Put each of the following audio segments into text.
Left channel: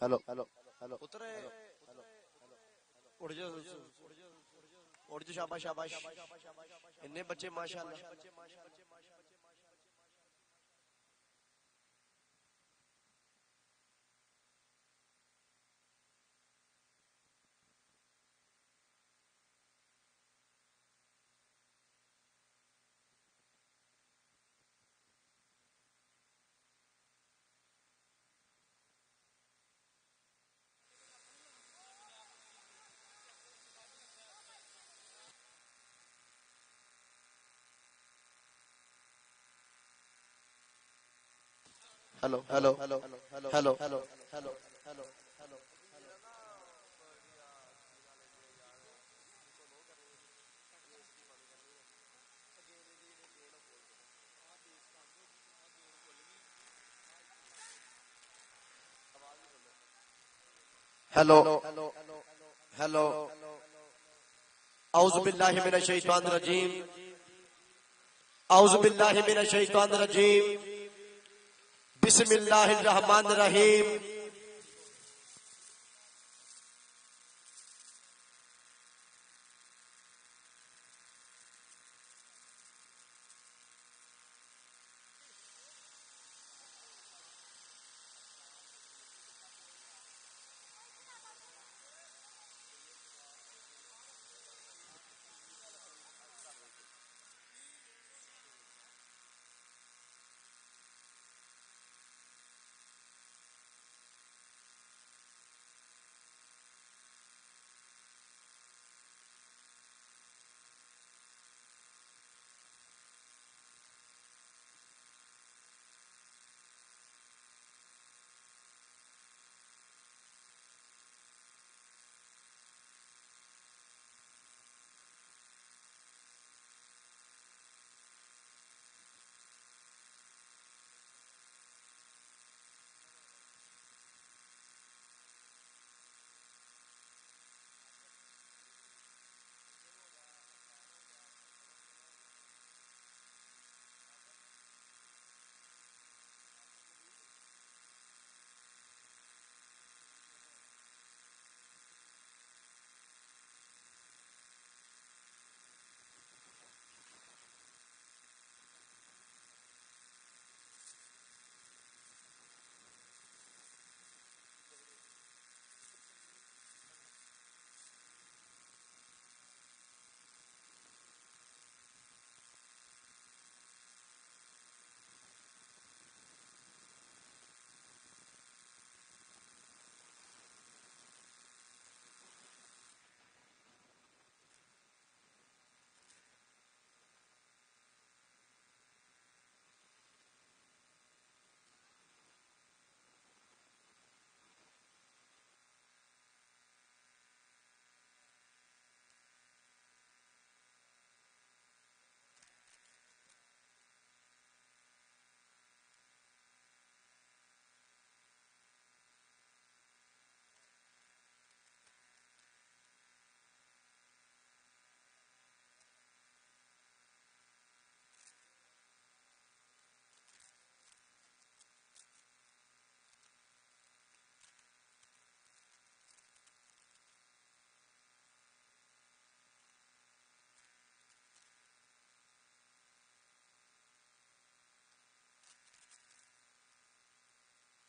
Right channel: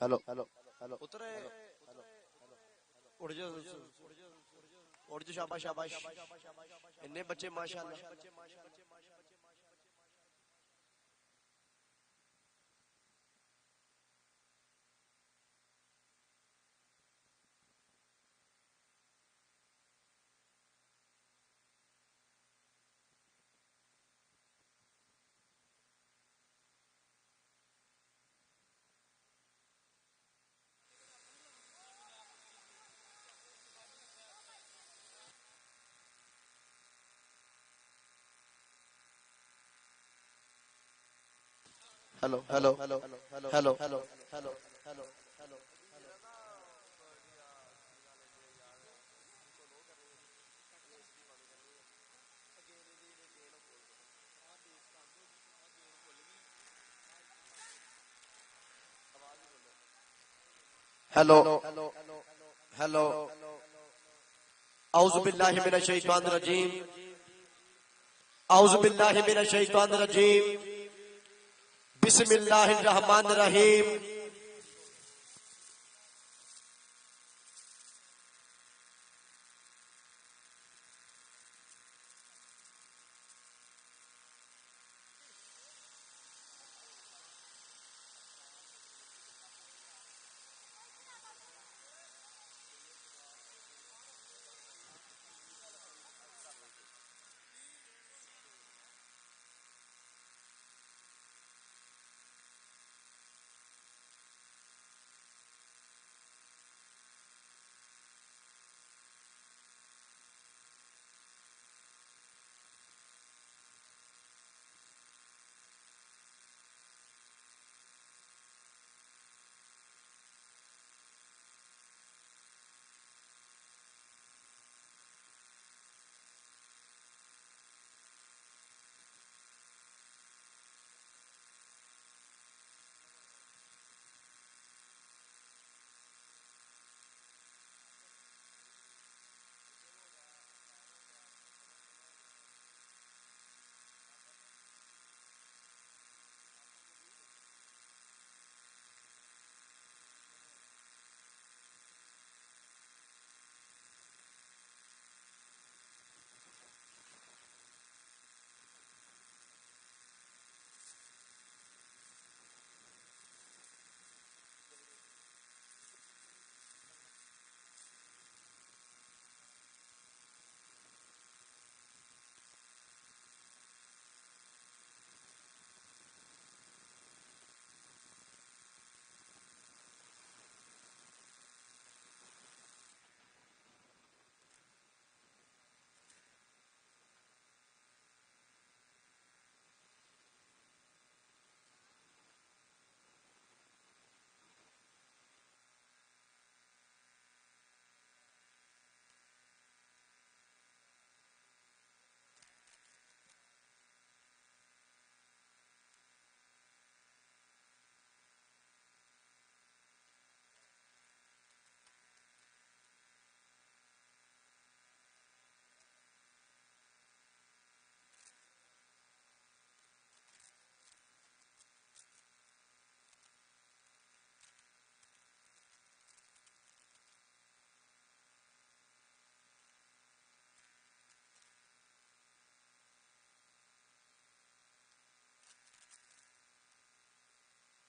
Hello hello hello उतरे उड़ जा उड़ जा शाबाश शाबाश इतने बच्चे माशाल्लाह। Hello hello hello hello hello hello hello hello औज़ु बिल्लाहि मिनश शैतानिर रजीम औज़ु बिल्लाहि मिनश शैतानिर रजीम बिस्मिल्लाहिर रहमानिर रहीम।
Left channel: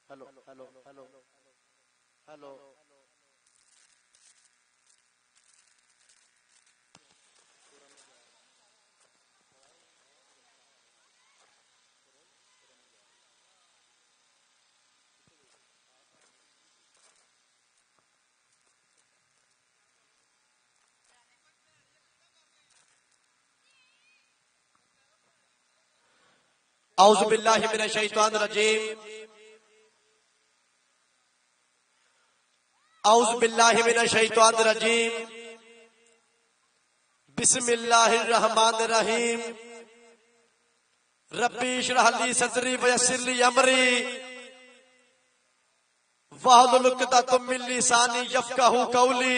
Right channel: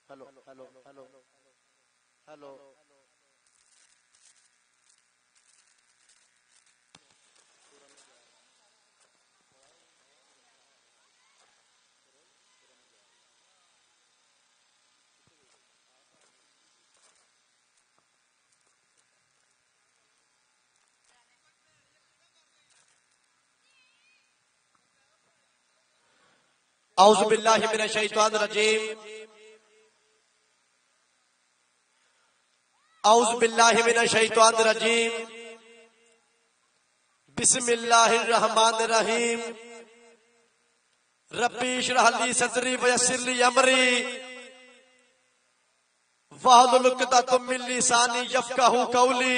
हेलो हेलो हेलो हेलो औज़ु बिल्लाहि मिनश शैतानिर रजीम औज़ु बिल्लाहि मिनश शैतानिर रजीम बिस्मिल्लाहिर रहमानिर रहीम। रब्बी इश्रह ली सदरी वयस्सिर ली अमरी वहलुल उक़दतम मिन लिसानी यफ़क़हू क़ौली।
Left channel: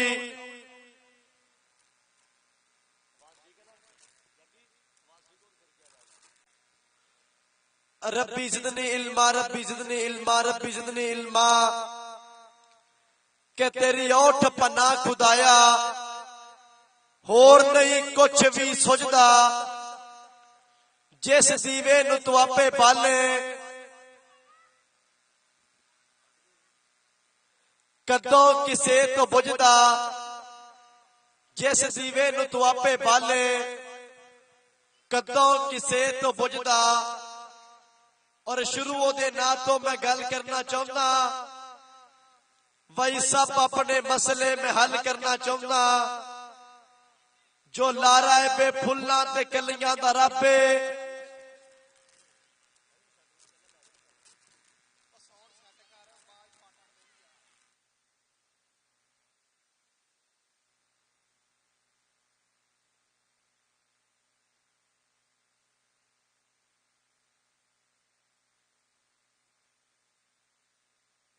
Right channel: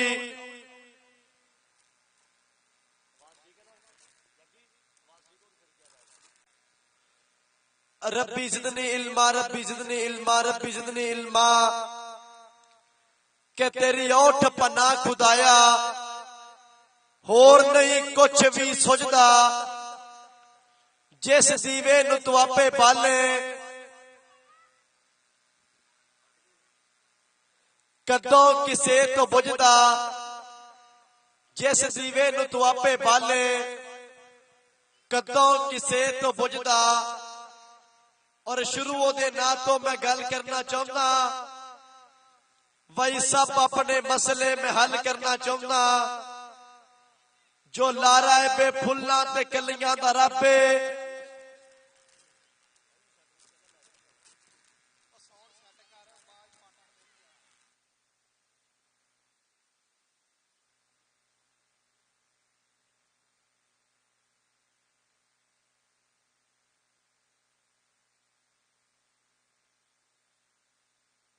रब्बी ज़िदनी इल्मा रब्बी ज़िदनी इल्मा रब्बी ज़िदनी इल्मा। कि तेरी ओठ पन्ना खुदाया होर नहीं कुछ भी सुझदा जिस दीवे नूं तू आपे बाले कदों किसे तो बुझदा जिस दीवे नूं तू आपे बाले कदों किसे तो बुझदा। और शुरू दे नाल तो मैं गल करना चाहता वही सब अपने मसले में हल करना चाहता जो लारा है बेफुल्ला ते कलियां दा रब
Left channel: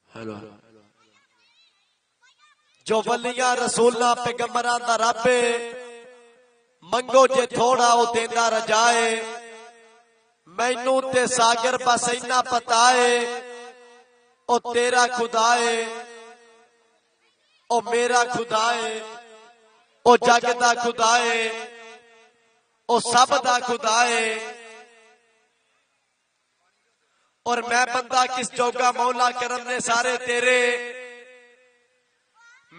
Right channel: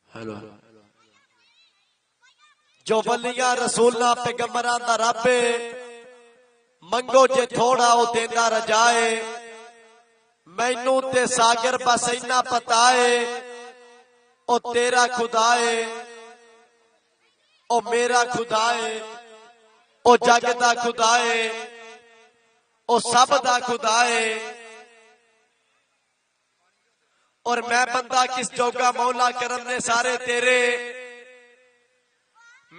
हेलो जो वलिया रसूला पैगंबरां दा रब मंगो जे थोड़ा वो देना रजाए मैनू ते सागर बस इतना पता है ओ तेरा खुदा है ओ मेरा खुदा है ओ जग दा खुदा है ओ सब दा खुदा है। और मैं बंदा किस जोगा मौला करम ने सारे तेरे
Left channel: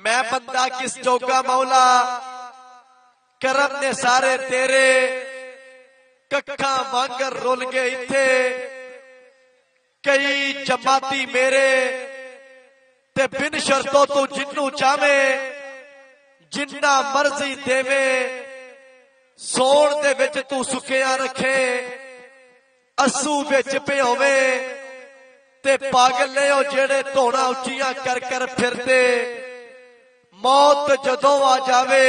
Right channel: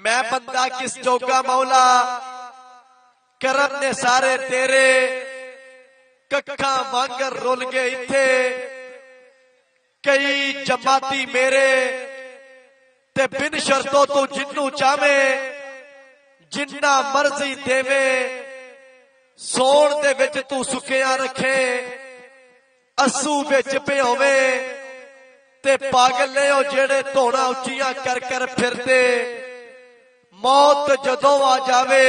मैं बंदा किस जोगा मौला करम ने सारे तेरे कक्का वांगर रुल गए इत्थे कई चपाती मेरे ते बिन शर्तों तो जिन्नू चाहे जिन्ना मर्जी देवे सोन दे विच तू सुखिया रखे असू विच पियोवे ते पागल ने ओ जेड़े धौड़ा उचिया कर कर फिरदे मौत जदों आ जावे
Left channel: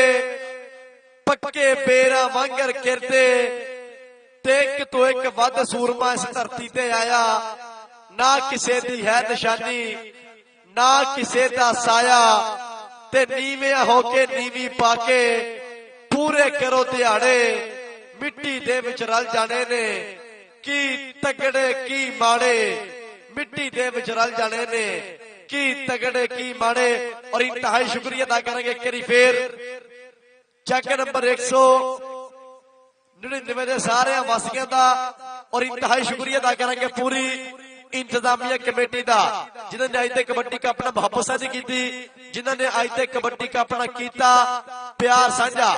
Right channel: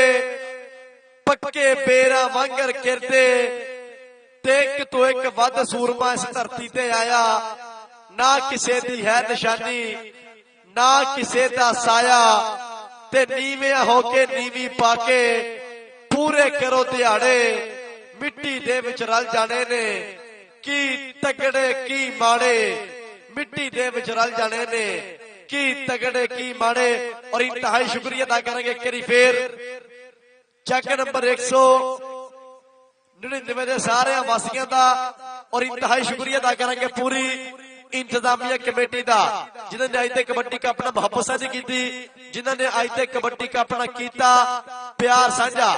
पक्के पेरा वांगर गिरदे देख तो एक वध सूरमा इस धरती ते आया ना किसे दी है निशानी ना किसे दा साया ते नीवे होके नीवी पाके पूरे करो दिहाड़े मिट्टी दे विच रल जाने ने की तगड़े की माड़े मिट्टी दे विच रल जाने ने की तगड़े की माड़े। और इंतहाई शुक्रिया अदा करेंगे करी फिर चेक नंबर 199 दे सारे वासियों का और इंतहाई शुक्रिया अदा करेंगे पूरी इंतजामिया कमेटी का जिन्होंने अज तक कबड्डी कप ना भापूसाजी की जिन्होंने अज तक कबड्डी कप ना किया प्यार साझा।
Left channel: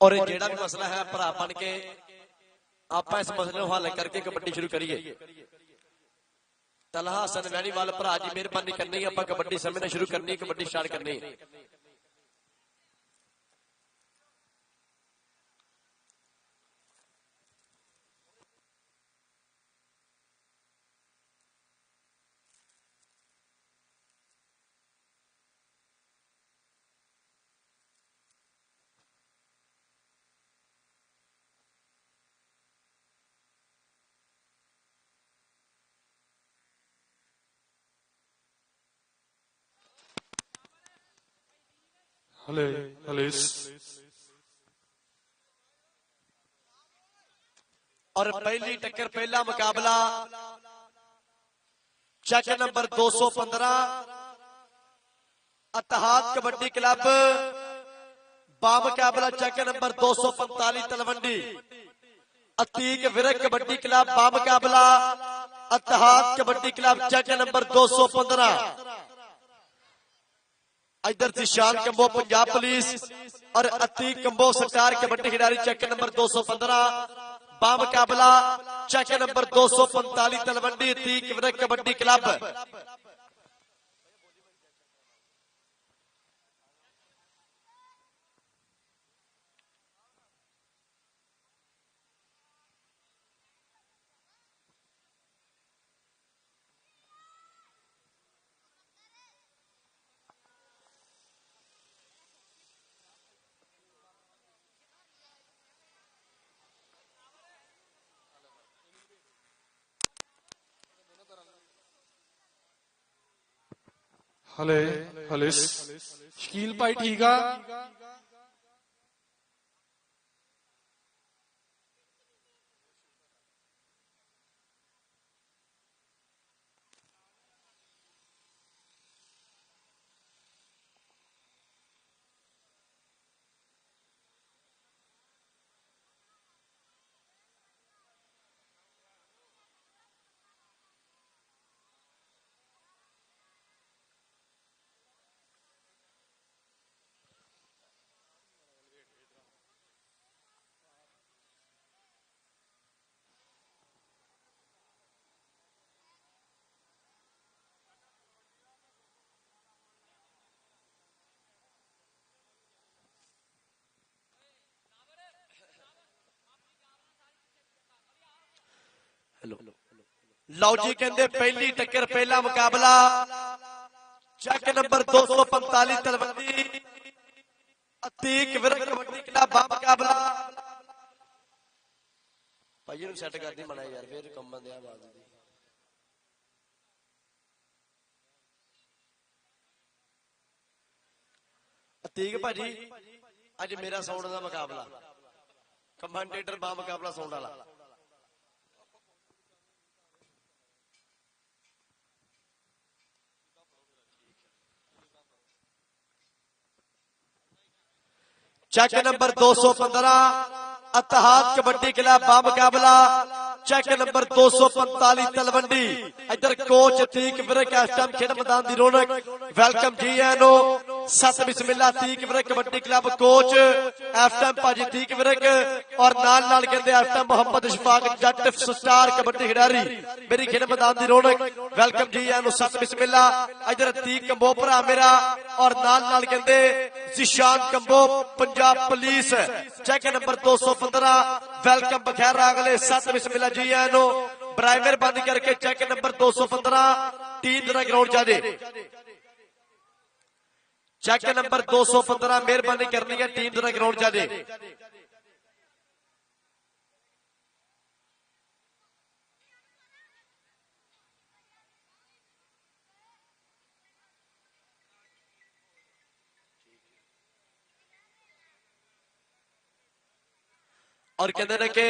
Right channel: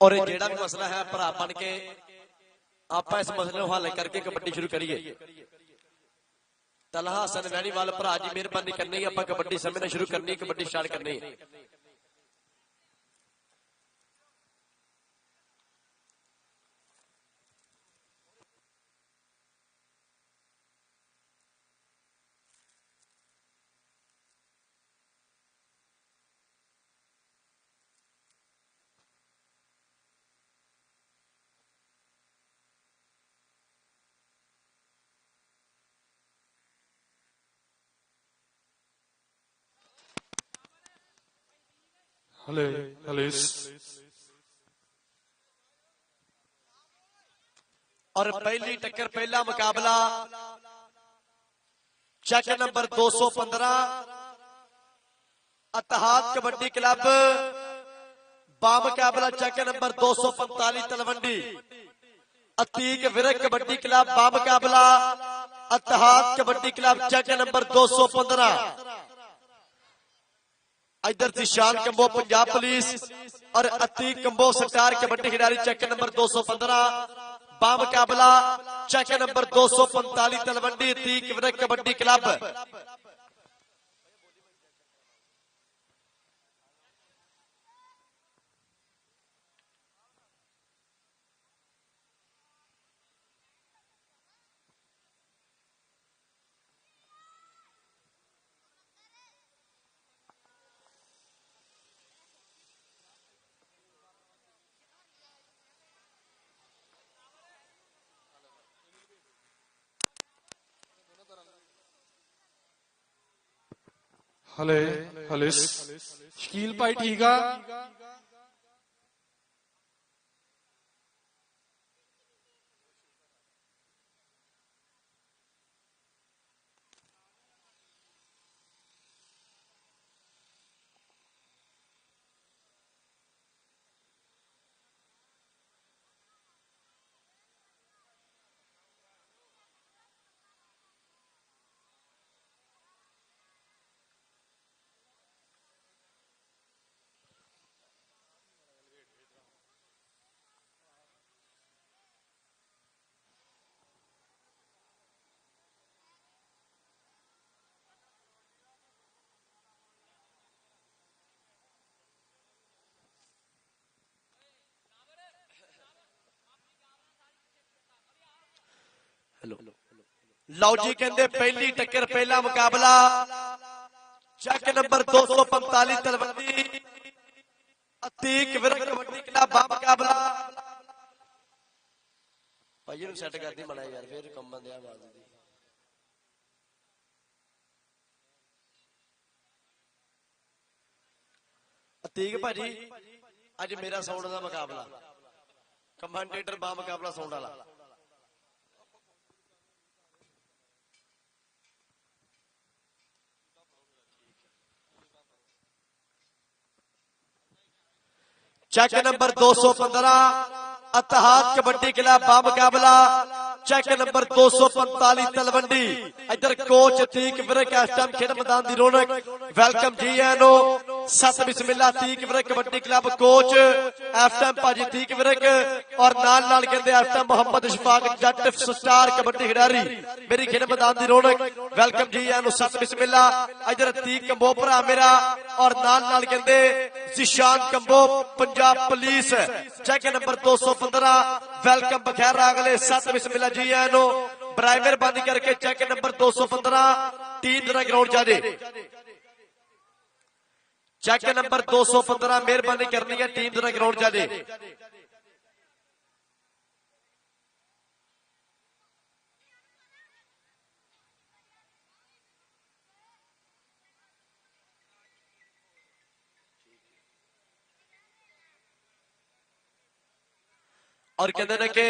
और ये जेड़ा भी मसला है भरा बन के आप इस मसले को हल करके कबड्डी शुरू करिए। तलहा हसन वैनीवाल भरा जी मेहरबानी करनी आप कबड्डी समझना शुरू करनी कबड्डी स्टार्ट करनी। और पहली टक्कर पहला मुकाबला 215 इतिहाद कबड्डी क्लब बामुकाबला check number 245 Talwandi Atiq Virk kabaddi club बामुकाबला Ittehad kabaddi club check number 215 इधर से शान कम्बो पंजाब पुलिस और अतीक कम्बो सरकार कबड्डी खिलाड़ी चेक नंबर 215 बामुकाबला check number 245 Talwandi Atiq Virk kabaddi club ਹਲੇ ਹਲੇ ਸ਼ਕੀਲ ਭਾਈ ਠੀਕ ਆ ਲਓ ਜੀ ਕਹਿੰਦੇ ਪਹਿਲੀ ਟੱਕਰ ਪਹਿਲਾ ਮੁਕਾਬਲਾ ਚੱਕ ਨੰਬਰ 245 ਤਲਵੰਡੀ ਅਤੀਕ ਵਿਰਕ ਕਬੱਡੀ ਕਲੱਬ ਦਾ ਮੁਕਾਬਲਾ ਭਾਈ ਨੂੰ ਸੈੱਟ ਕਰਦੀ ਬਣਾ ਯਾਰ ਫੇਰ ਕੰਮਾਂ ਦੇ ਆ ਬਾਤ ਅਤੀਕ ਭਾਜੀ ਅੱਜ ਮੇਰਾ ਸਾਊਂਡ ਦਾ ਮੁਕਾਬਲਾ ਕਮਾਂਡੇਟਰ ਬਾ ਮੁਕਾਬਲਾ ਸਾਊਂਡ ਵਾਲਾ check number 215 Ittehad kabaddi club बामुकाबला चेक नंबर 245 तलवंडी इधर कोच अतीक विरक स्टैप खेल मैदान दी रौनक वेलकम जी एनो सत बिस्मिल्लाह Atiq Virk kabaddi club coach FM भाजी अतीक विरक और नाल नाल कहते एफएम मोहम्मद इशफाक जट स्टार कबड्डी खिडारी मेरी खेल मैदान दी रौनक वेलकम जी एनो सत बिस्मिल्लाह इधर अतीक बोपरा मेरा और नाल नाल कहते Zeeshan Kamboh Punjab police check number 215 welcome बखैर अगले सत बिस्मिल्लाह जी एनो बराए मेहरबानी करके चेक नंबर 215 टीम तरह ग्राउंड जाने चेक नंबर 215 मेहरबानी करनी है टीम तरह ग्राउंड जाने और कहते हैं कि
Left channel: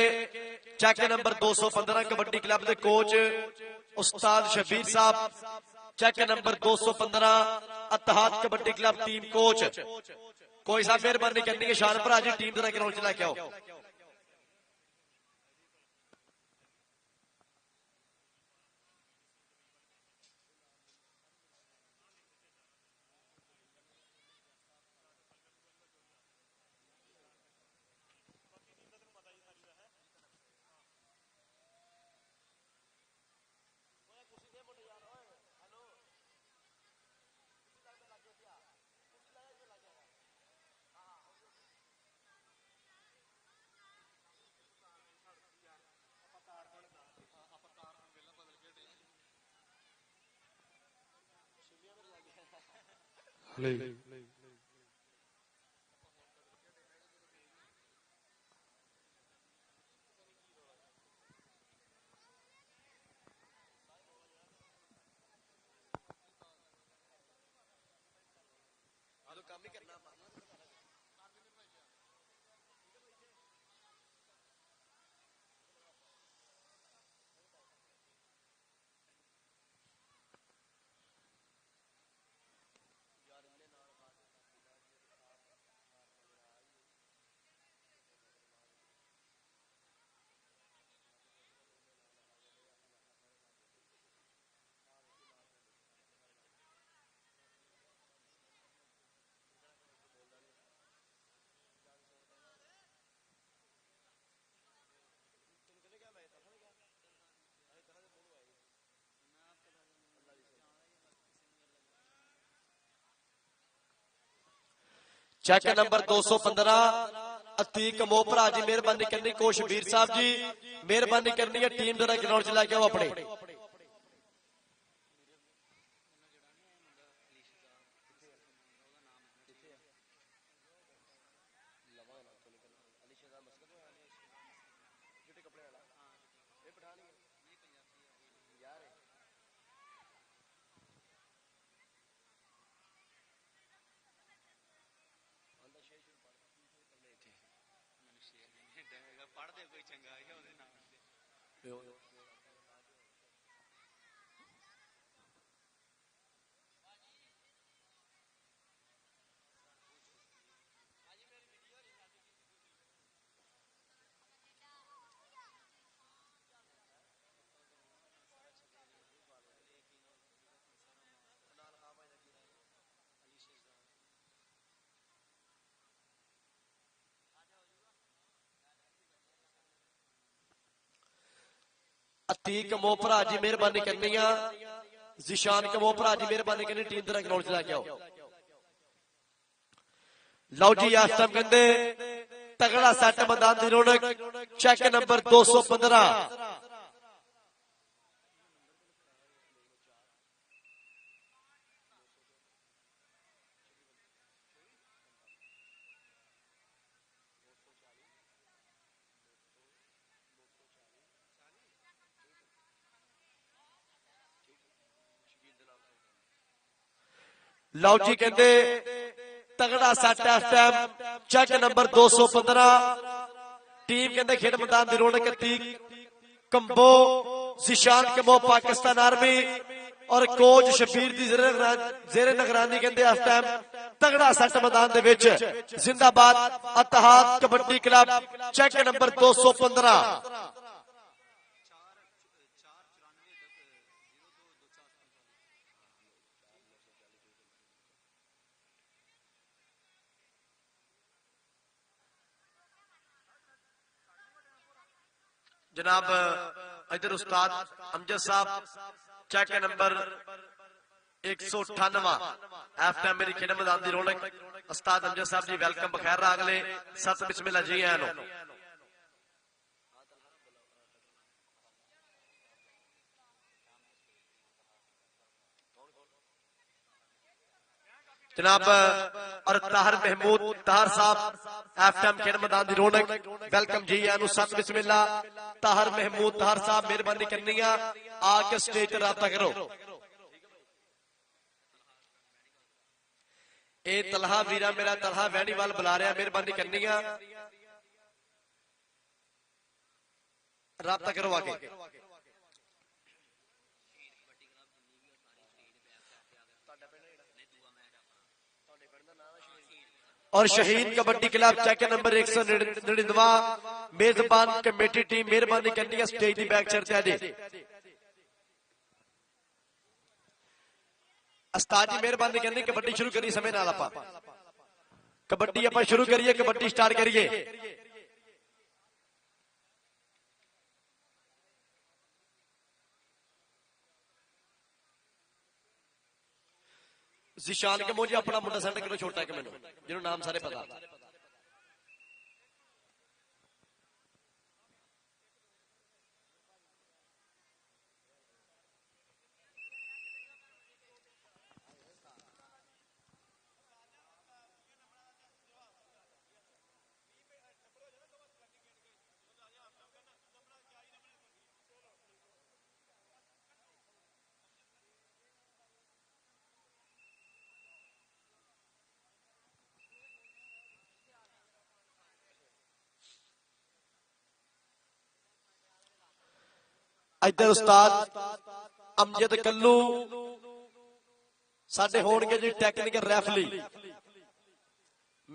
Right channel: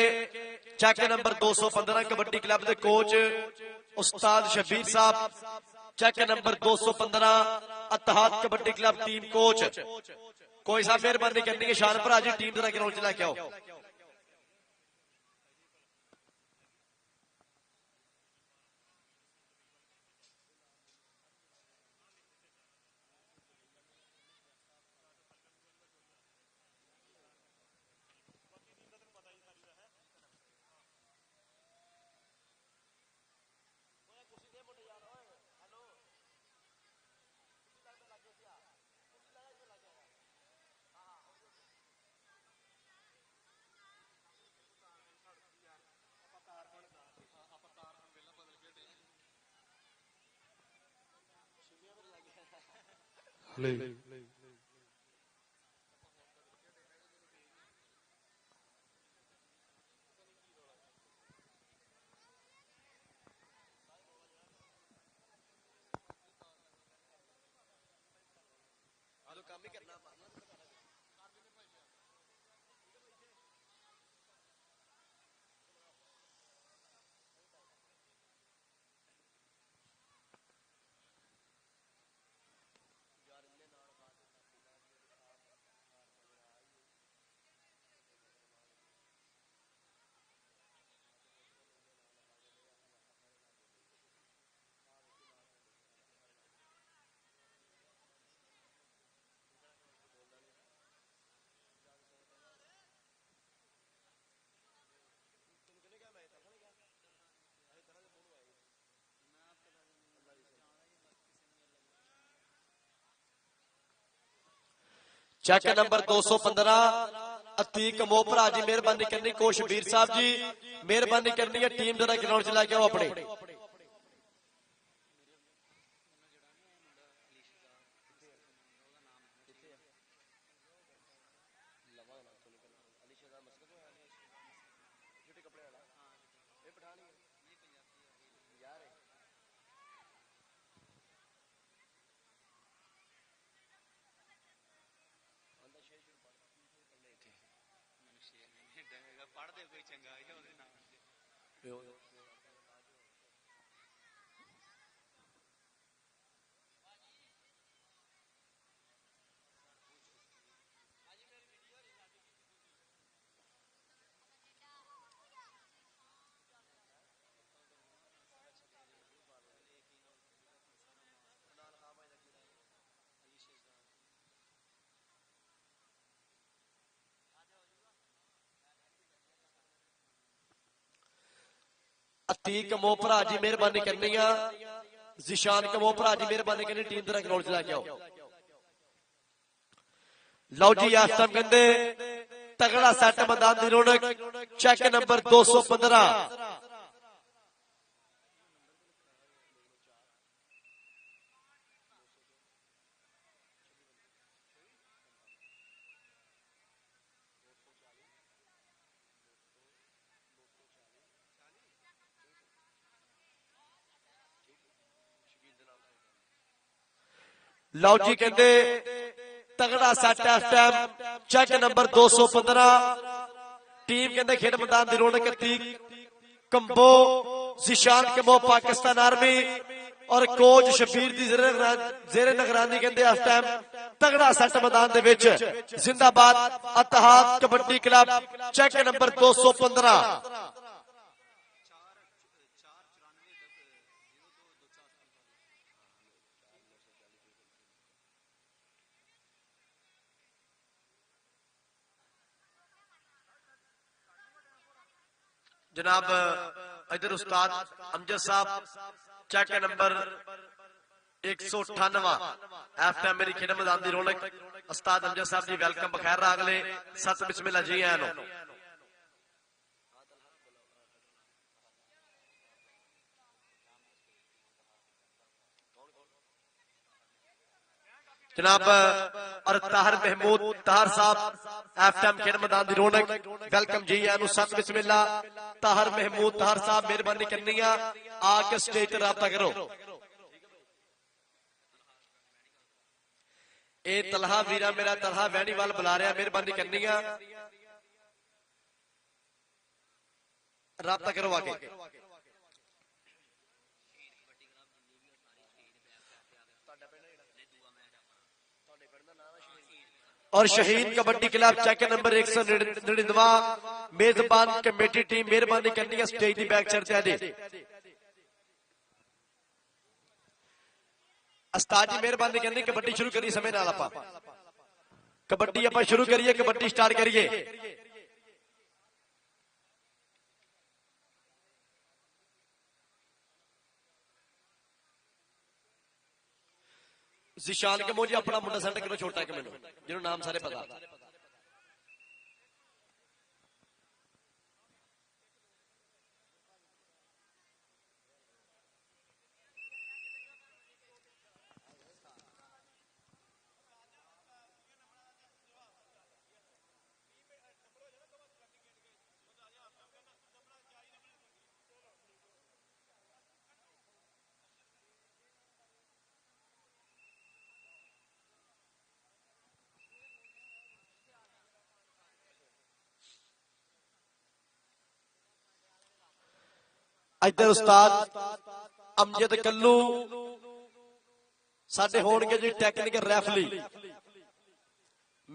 चेक नंबर 215 कबड्डी क्लब के कोच उस्ताद शबीर साहब check number 215 Ittehad kabaddi club team coach कोई सा फिर बंद करनी है शानपुर आज टीम तरह ग्राउंड च लेके आओ ਹਲੇ चेक नंबर 215 अतीक मोपरा जी मेहरबानी करनी कोशवीर साहब जी मेहरबानी करनी है टीम जरा ग्राउंड च लैके आओ अपने अतीक मोपरा जी मेहरबानी करनी है जिशान मोपरा जी मेहरबानी करनी टीम तरह ग्राउंड च लैके आओ लो जी आसम कहते तगड़ा सट बंदा दी रौनक चेक नंबर 215 लो जी कहते तगड़ा सट इस टाइम चेक नंबर 215 टीम कहते खेल बता दी रौनक कंबो जिशान कंबो पाकिस्तान आर्मी और कोच शबीर दी जेरे नगरानी कहते इस टाइम तगड़ा सट मैदान दे विच जिंदाबाद इत्तेहाद कबड्डी क्लब चेक नंबर 215 जनाब इधर उस्ताद अमजद साहब चेक नंबर 198 इस टाइम मेरी खेल मैदान की रौनक उस्ताद अमजद साहब जी वेलकम बखैर अगले सत बिस्मिल्लाह जी आए जनाब ताहर महमूद ताहर साहब इस टाइम खेल मैदान की रौनक वेलकम जी आए सत बिस्मिल्लाह ताहर महमूद ताहर साहब मेहरबानी करनी है आके स्टेज पर रब्ता करो ए तलहा वीरा मेरा तलहा वैनीवाल बुला रहा मेहरबानी करनी है रब्ता करो आगे और शहीद कबड्डी क्लब चेक नंबर 199 मेजबान कमेटी टीम मेहरबानी करनी है स्टेज की बैक चढ़ते जी उस्ताद जी मेहरबानी करनी कबड्डी शुरू करिए समय नाल आपां कबड्डी आपां शुरू करिए कबड्डी स्टार्ट करिए जिशान के मोजी अपना मुंडा सेट करो छोटा के मैनू जिन्हों नाम सारे पता इधर उस्ताद अमजद कल्लू साडे होणगे जी टैक्नीकल रेफरी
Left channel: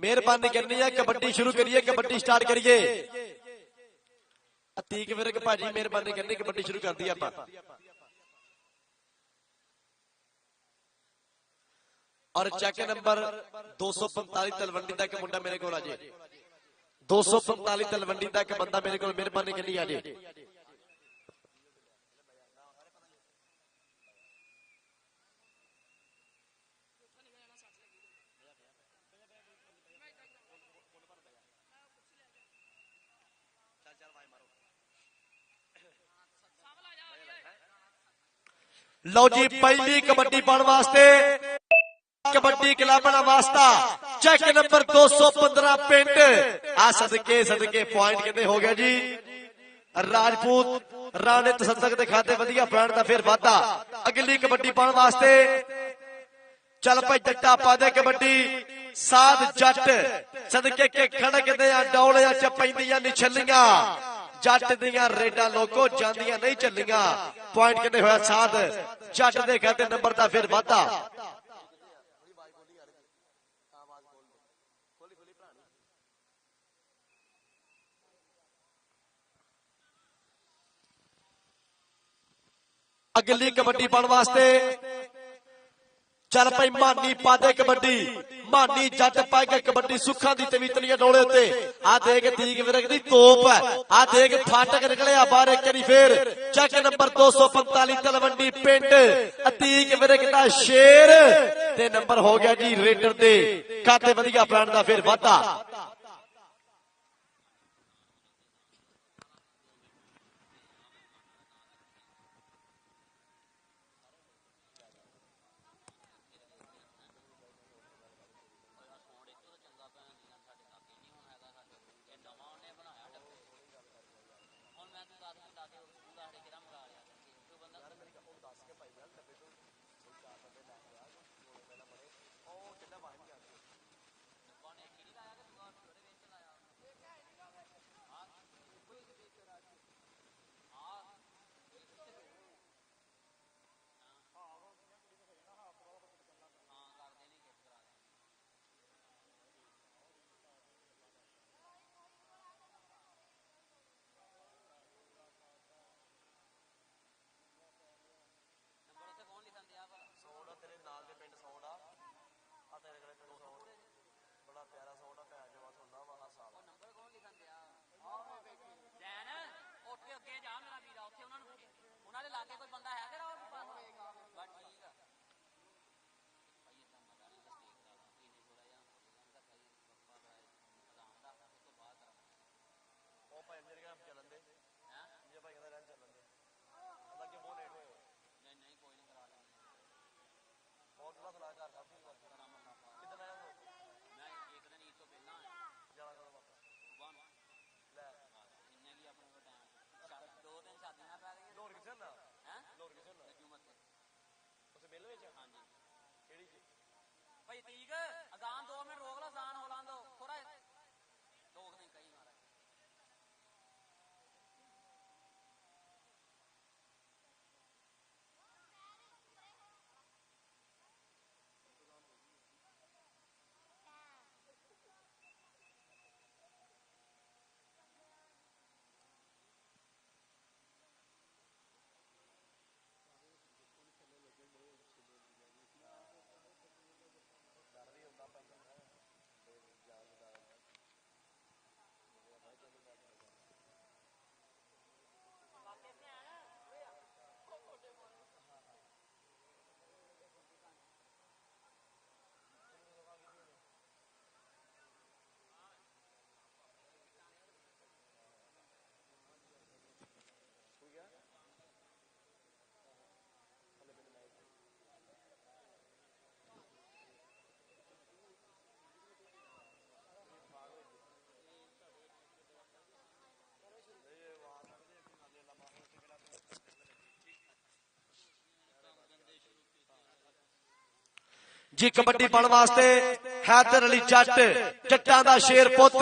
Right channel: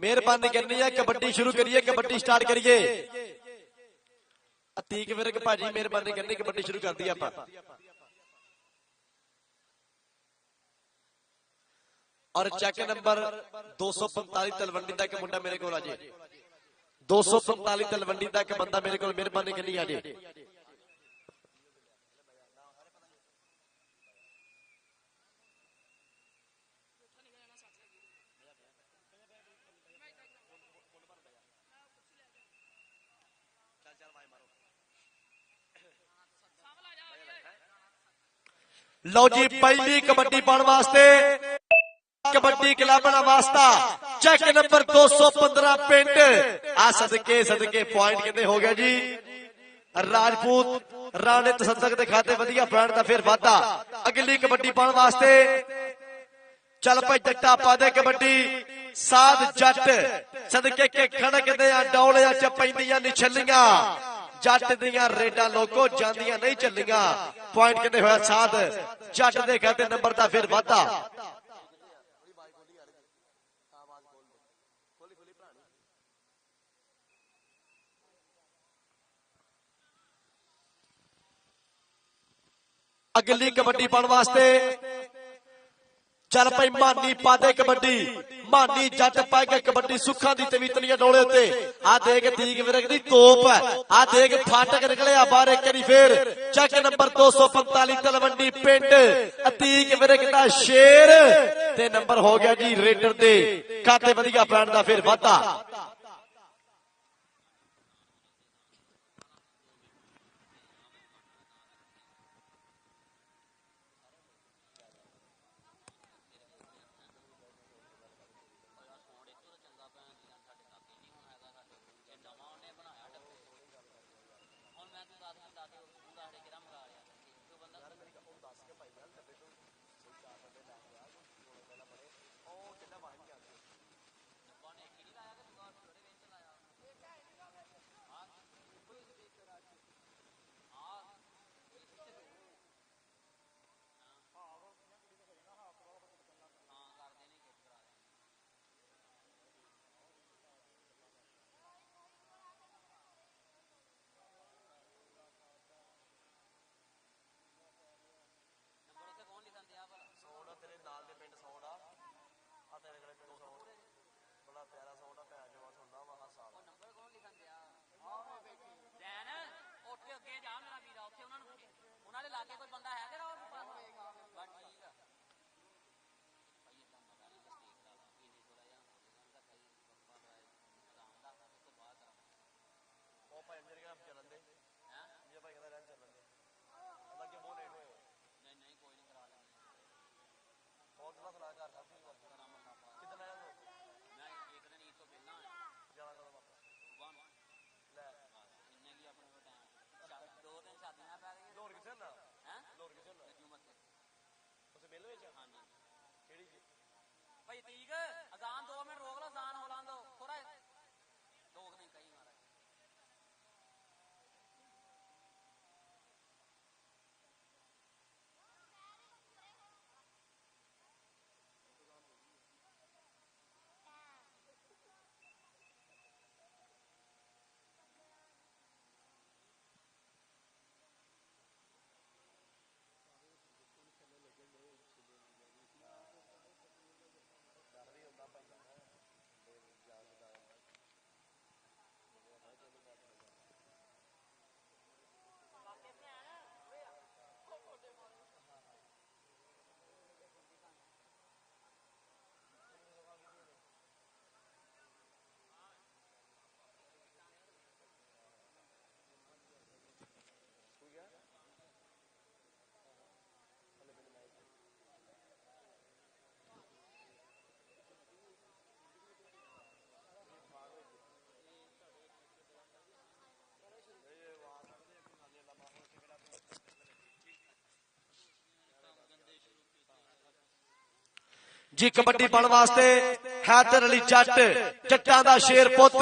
मेहरबानी करनी है कबड्डी शुरू करिए कबड्डी स्टार्ट करिए अतीक विरक भाजी मेहरबानी करनी कबड्डी शुरू कर दी आपां और चेक नंबर 245 तलवंडी तक मुंडा मेरे को आ जाए 245 तलवंडी तक बंदा मेरे को मेहरबानी करनी आ जाए ਲਓ ਜੀ ਪਹਿਲੀ ਕਬੱਡੀ ਪਾਉਣ ਵਾਸਤੇ ਕਬੱਡੀ ਕਲੱਬ ਦਾ ਵਾਸਤਾ ਚੈੱਕ ਨੰਬਰ 215 ਪਿੰਡ ਆ ਸਦਕੇ ਪੁਆਇੰਟ ਕਿਤੇ ਹੋ ਗਿਆ ਜੀ ਰਾਜਪੂਤ ਰਾਣੇ ਤਸੱਦਕ ਦੇ ਖਾਤੇ ਵਧੀਆ ਪੁਆਇੰਟ ਦਾ ਫਿਰ ਵਾਧਾ ਅਗਲੀ ਕਬੱਡੀ ਪਾਉਣ ਵਾਸਤੇ ਚੱਲ ਪਈ ਟੱਟਾ ਪਾ ਦੇ ਕਬੱਡੀ ਸਾਧ ਜੱਟ ਸਦਕੇ ਕੇ ਖਣਕ ਦੇ ਡੌਲਿਆਂ ਚ ਪੈਂਦੀਆਂ ਨਹੀਂ ਛੱਲੀਆਂ ਜੱਟ ਦੀਆਂ ਰੇਡਾਂ ਲੋਕੋ ਜਾਂਦੀਆਂ ਨਹੀਂ ਚੱਲੀਆਂ ਪੁਆਇੰਟ ਕਿਤੇ ਹੋਇਆ ਸਾਧ ਜੱਟ ਦੇ ਖਾਤੇ ਨੰਬਰ ਦਾ ਫਿਰ ਵਾਧਾ अगली कबड्डी पाने वास्ते चल भाई मानी पादे कबड्डी मानी जट पा के कबड्डी सुखा दी तवीतलियां डोले ते आ देख दीग विरग दी तोप आ देख फाटक निकलिया बारे करी फिर चक नंबर 245 तलवंडी पिंड दीग विरग दा शेर ते नंबर हो गया जी रेडर ते काते वधिया पैण दा फिर वाधा जी कबड्डी पाने वास्ते हैदर अली जट जट्टा दा शेर पुत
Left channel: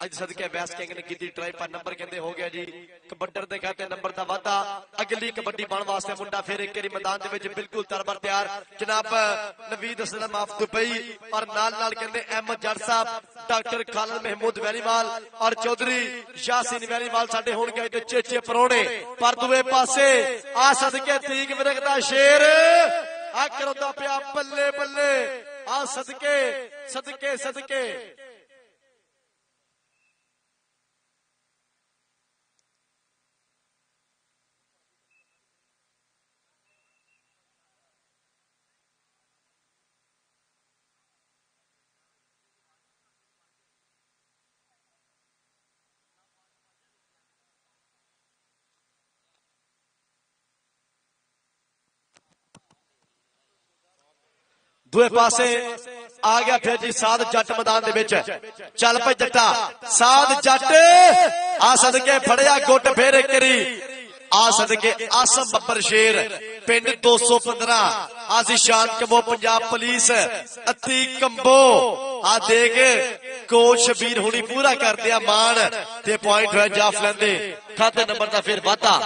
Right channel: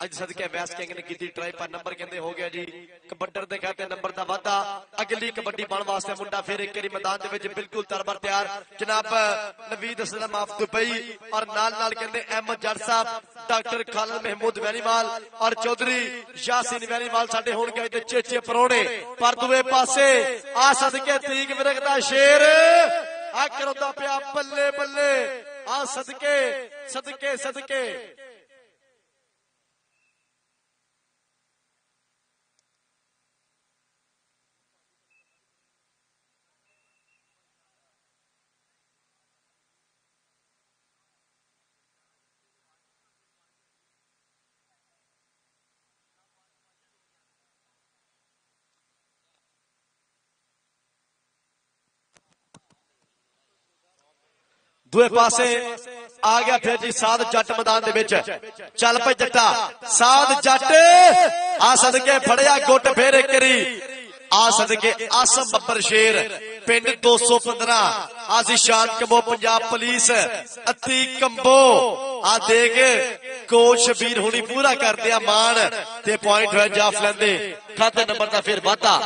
अज सदके बैस किंग ने की ट्राई पर नंबर कहते हो गया जी कबड्डर दे कहते नंबर दा वादा अगली कबड्डी पाने वास्ते मुंडा फिर एक बारी मैदान दे विच बिल्कुल तरबर तैयार जनाब नवीद असलम ऑफ दुबई और नाल नाल कहते अहमद जट साहब डॉक्टर खालिद महमूद वेरीवाल और चौधरी यासीन वेरीवाल साडे होणगे ते चेचे परोड़े पर दुए पासे आ सदके तरीक मिरग दा शेर आ करदा पिया बल्ले बल्ले आ सदके सदके सदके ਦੂਏ ਪਾਸੇ ਆ ਗਿਆ ਫਿਰ ਜੀ ਸਾਧ ਜੱਟ ਮੈਦਾਨ ਦੇ ਵਿੱਚ। ਚੱਲ ਭਾਈ ਜੱਟਾ ਸਾਧ ਜੱਟ ਆ ਸਦਕੇ ਫੜਿਆ ਗੁੱਟ ਫੇਰੇ ਕਰੀ ਆ ਸਦਕੇ ਆਸਮ ਬੱਬਰ ਸ਼ੇਰ ਪਿੰਡ 215 ਆਜ਼ਿਸ਼ਾਨ ਕੰਬੋ ਪੰਜਾਬ ਪੁਲਿਸ ਅਤੀ ਕੰਬੋ ਆ ਦੇਖ ਕੋਚ ਵੀਰ ਹੁਣੀ ਪੂਰਾ ਕਰਦੇ ਆ ਮਾਨ ਤੇ ਪੁਆਇੰਟ ਹੈ ਜਾਫ ਲੈਂਦੇ ਖਾਤੇ ਨੰਬਰ ਦਾ ਫਿਰ ਵਾਧਾ।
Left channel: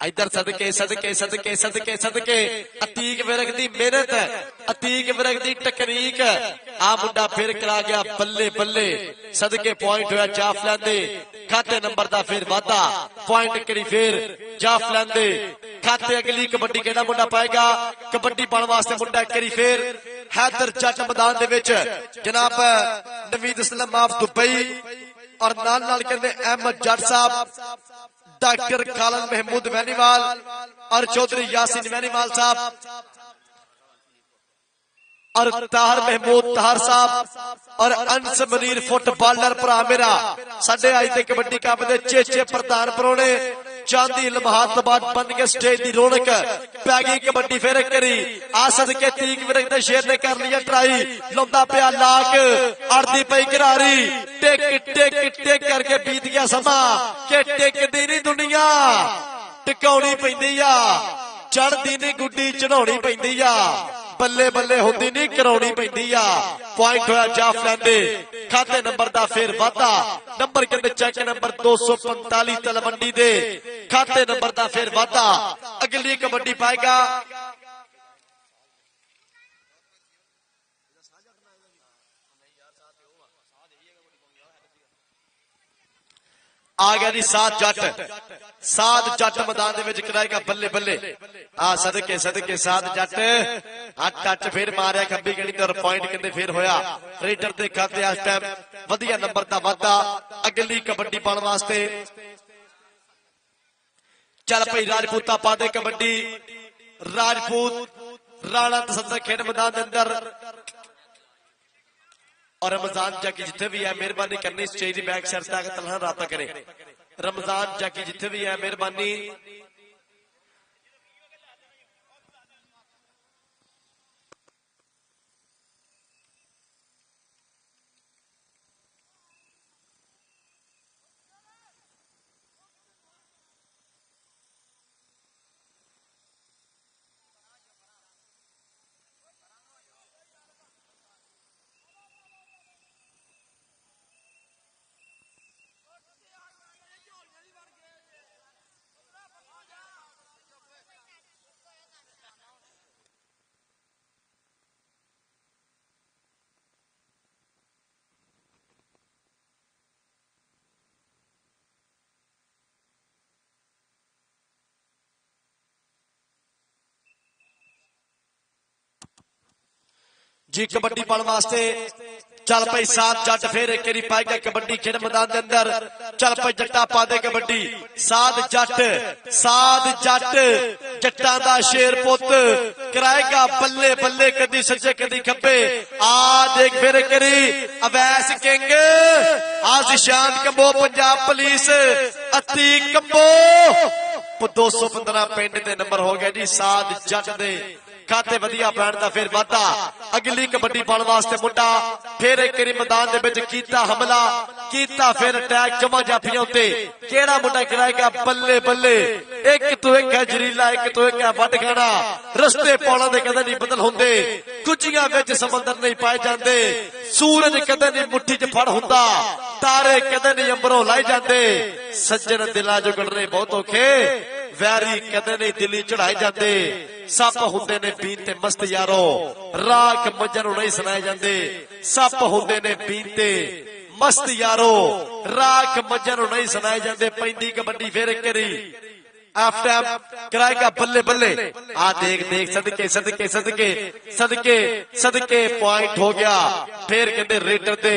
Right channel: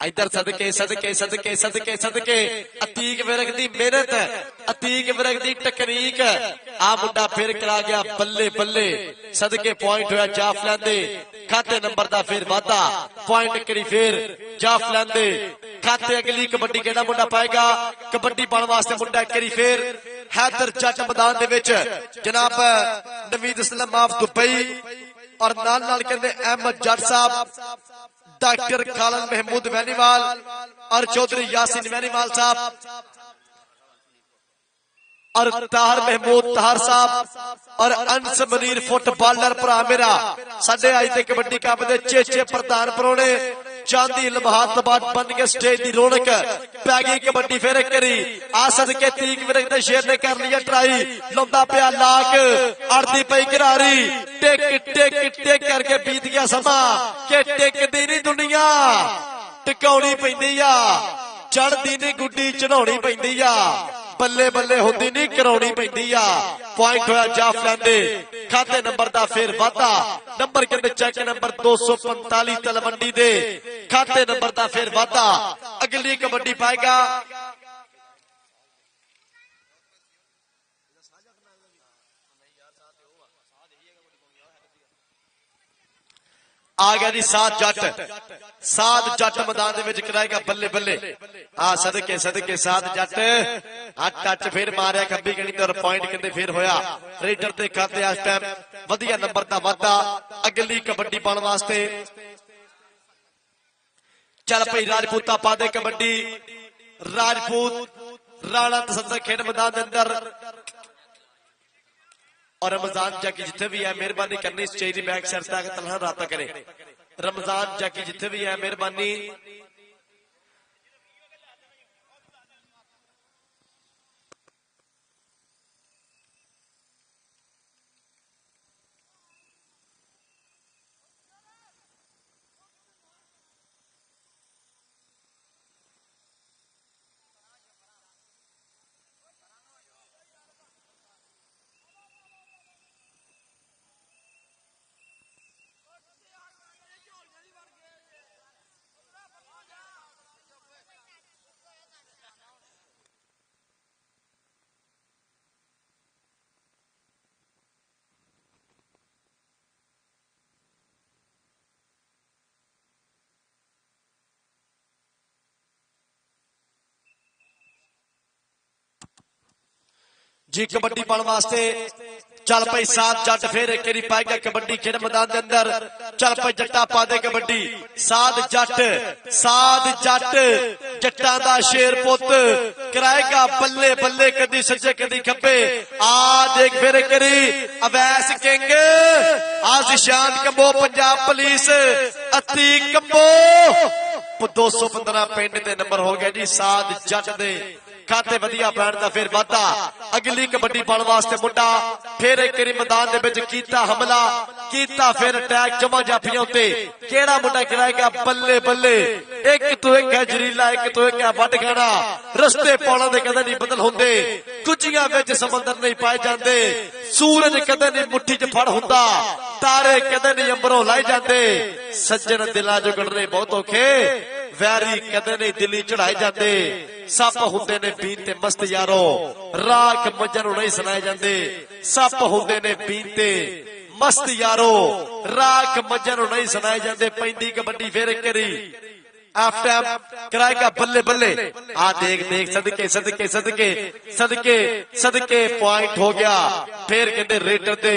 इधर सदके सदके सदके सदके सदके अतीक विरक दी मेहनत अतीक विरक दी तकनीक आ मुंडा फिर करा गया बल्ले बल्ले सदके पॉइंट होया जाफ लैंदे खाते नंबर दा फिर वाधा पॉइंट करी फिर जाफ लैंदे खाते अगली कबड्डी कहना मुंडा पाएगा कबड्डी पाने वास्ते मुंडा करी फिर हैदर जट मैदान दे विच जनाब नवीद इस्लाम ऑफ दुबई और नाल नाल कहंदे अहमद जट साहब डॉक्टर कालम महमूद वैनीवाल और चौधरी यासिन वैनीवाल साहब और तार महमूद तार साहब और अंस मनीर फुटबॉलर भरा मेरा साडे आई ते कबड्डी कप दे चेचे प्रधान परोने चांदी लम्हात तो बाद बन के स्टेज की रौनक पै गई कबड्डी फेरे करी आ सदके 30 मिनट दे शेर ने कर लिया ट्राई लंबा पिया लाग अड़दी पई करारी टिक टिक टिक करके बीत गया समा के टिकदी नहीं दुनिया टिकाउनी पैंदी आ चढ़दी दी गुड्डी चढ़ाउनी पैंदी आ बल्ले बल्ले होंदी नहीं कराउनी पैंदी आ पॉइंट होया जाफ लैंदे खाते नंबर दा फिर वाधा नंबर कहते चेक नंबर 245 तलवंडी दे खाते नंबर दा फिर वाधा अगली कबड्डी पाएगा आ गया जी सात जट मैदान दे विच कराएगा बल्ले बल्ले आ सदके सदके सात जट हट टच फिर मारिया खब्बी गणी ते पॉइंट कितने फिर होया रेडर दे खाते इस टाइम वधिया नंबर दा वाधा अगली कबड्डी पाने वास्ते चल भाई राजपूता पा दे कबड्डी राजपूत राणा तसंदर खेड मैदान दे अंदर और रमजान जाकी जिथे भी है मेहरबानी करनी इस चीज की बैक साइड तक तनहा राता करे रमजान जाकी जिथे भी है मेहरबानी जी कबड्डी पाने वास्ते चल भाई सात जट फिर तेरी पाएगा कबड्डी खेल मैदान के अंदर चल भाई जट्टा पा दे कबड्डी सात जट जट्टा दा शेर पुत कराएगा बल्ले बल्ले कदी सज्जे कदी खब्बे आ देख फिर करी अवैस किंग आज़िशान कंबो पंजाब पुलिस अती कंबो 215 पिंड दे नंबर हो गया जी सात जट दे खाते वधिया बैठ दा फिर वाधा अगली कबड्डी पाने वास्ते मुंडा फिर एक मैदान दे विच कीता हमला कीता फिर अटैक जमा जाफी उत्ते केड़ा मुंडा कराएगा बल्ले बल्ले एक तो एक जरीला एक तो एक वड खड़ा रस्ते पौलों दे कदे नहीं बदल हुंदे कुचियां विच समुंदर नहीं पाए जांदे सूरज कदे नहीं मुट्ठी च फड़ हुंदा तारे कदे नहीं अंबरों लाई जांदे सज्जन दिलां जो गड़ने बहुत औखे वैरी कदे नहीं दिल्ली चढ़ाए जाते सप हुंदे ने बीते मस्त यारो राख मजर नहीं सुनाए जाते सप हुंदे ने बीते मस्त यारो राख मजर नहीं सुनाए जाते पैंदी कबड्डी फेर करी आफ्टर कराएगा बल्ले बल्ले आ देख देख सदके सदके सदके सदके सदके पॉइंट हो गया फिर कहते रेडर दे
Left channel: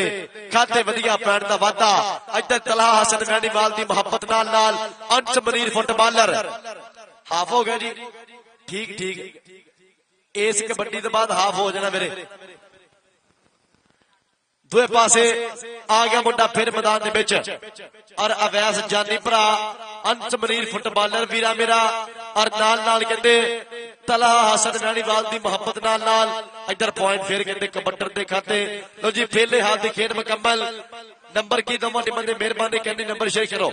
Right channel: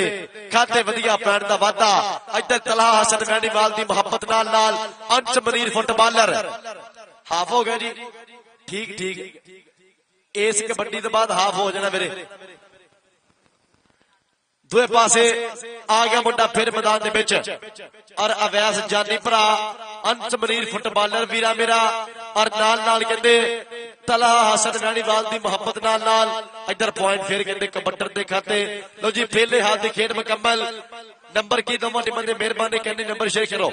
खाते वधिया पैर दा वाधा इधर तला हसन वैनीवाल दी मोहब्बत नाल अंश मनीर फुटबॉलर हाफ हो गया जी ठीक ठीक इस कबड्डी तो बाद हाफ हो जाना मेरे दूए पासे आ गया मुंडा फिर मैदान दे विच और अवैस जानी भरा अंत मरीर फुटबालर वीरा मेरा और नाल कहते तला हसन राणीवाल की मोहब्बत नाल इधर पॉइंट फिर कहते कबड्डर के खाते लो जी पहले हाथ की खेल मुकम्मल नंबर की दमो निमन दे मेहरबानी कहते नंबर शेयर करो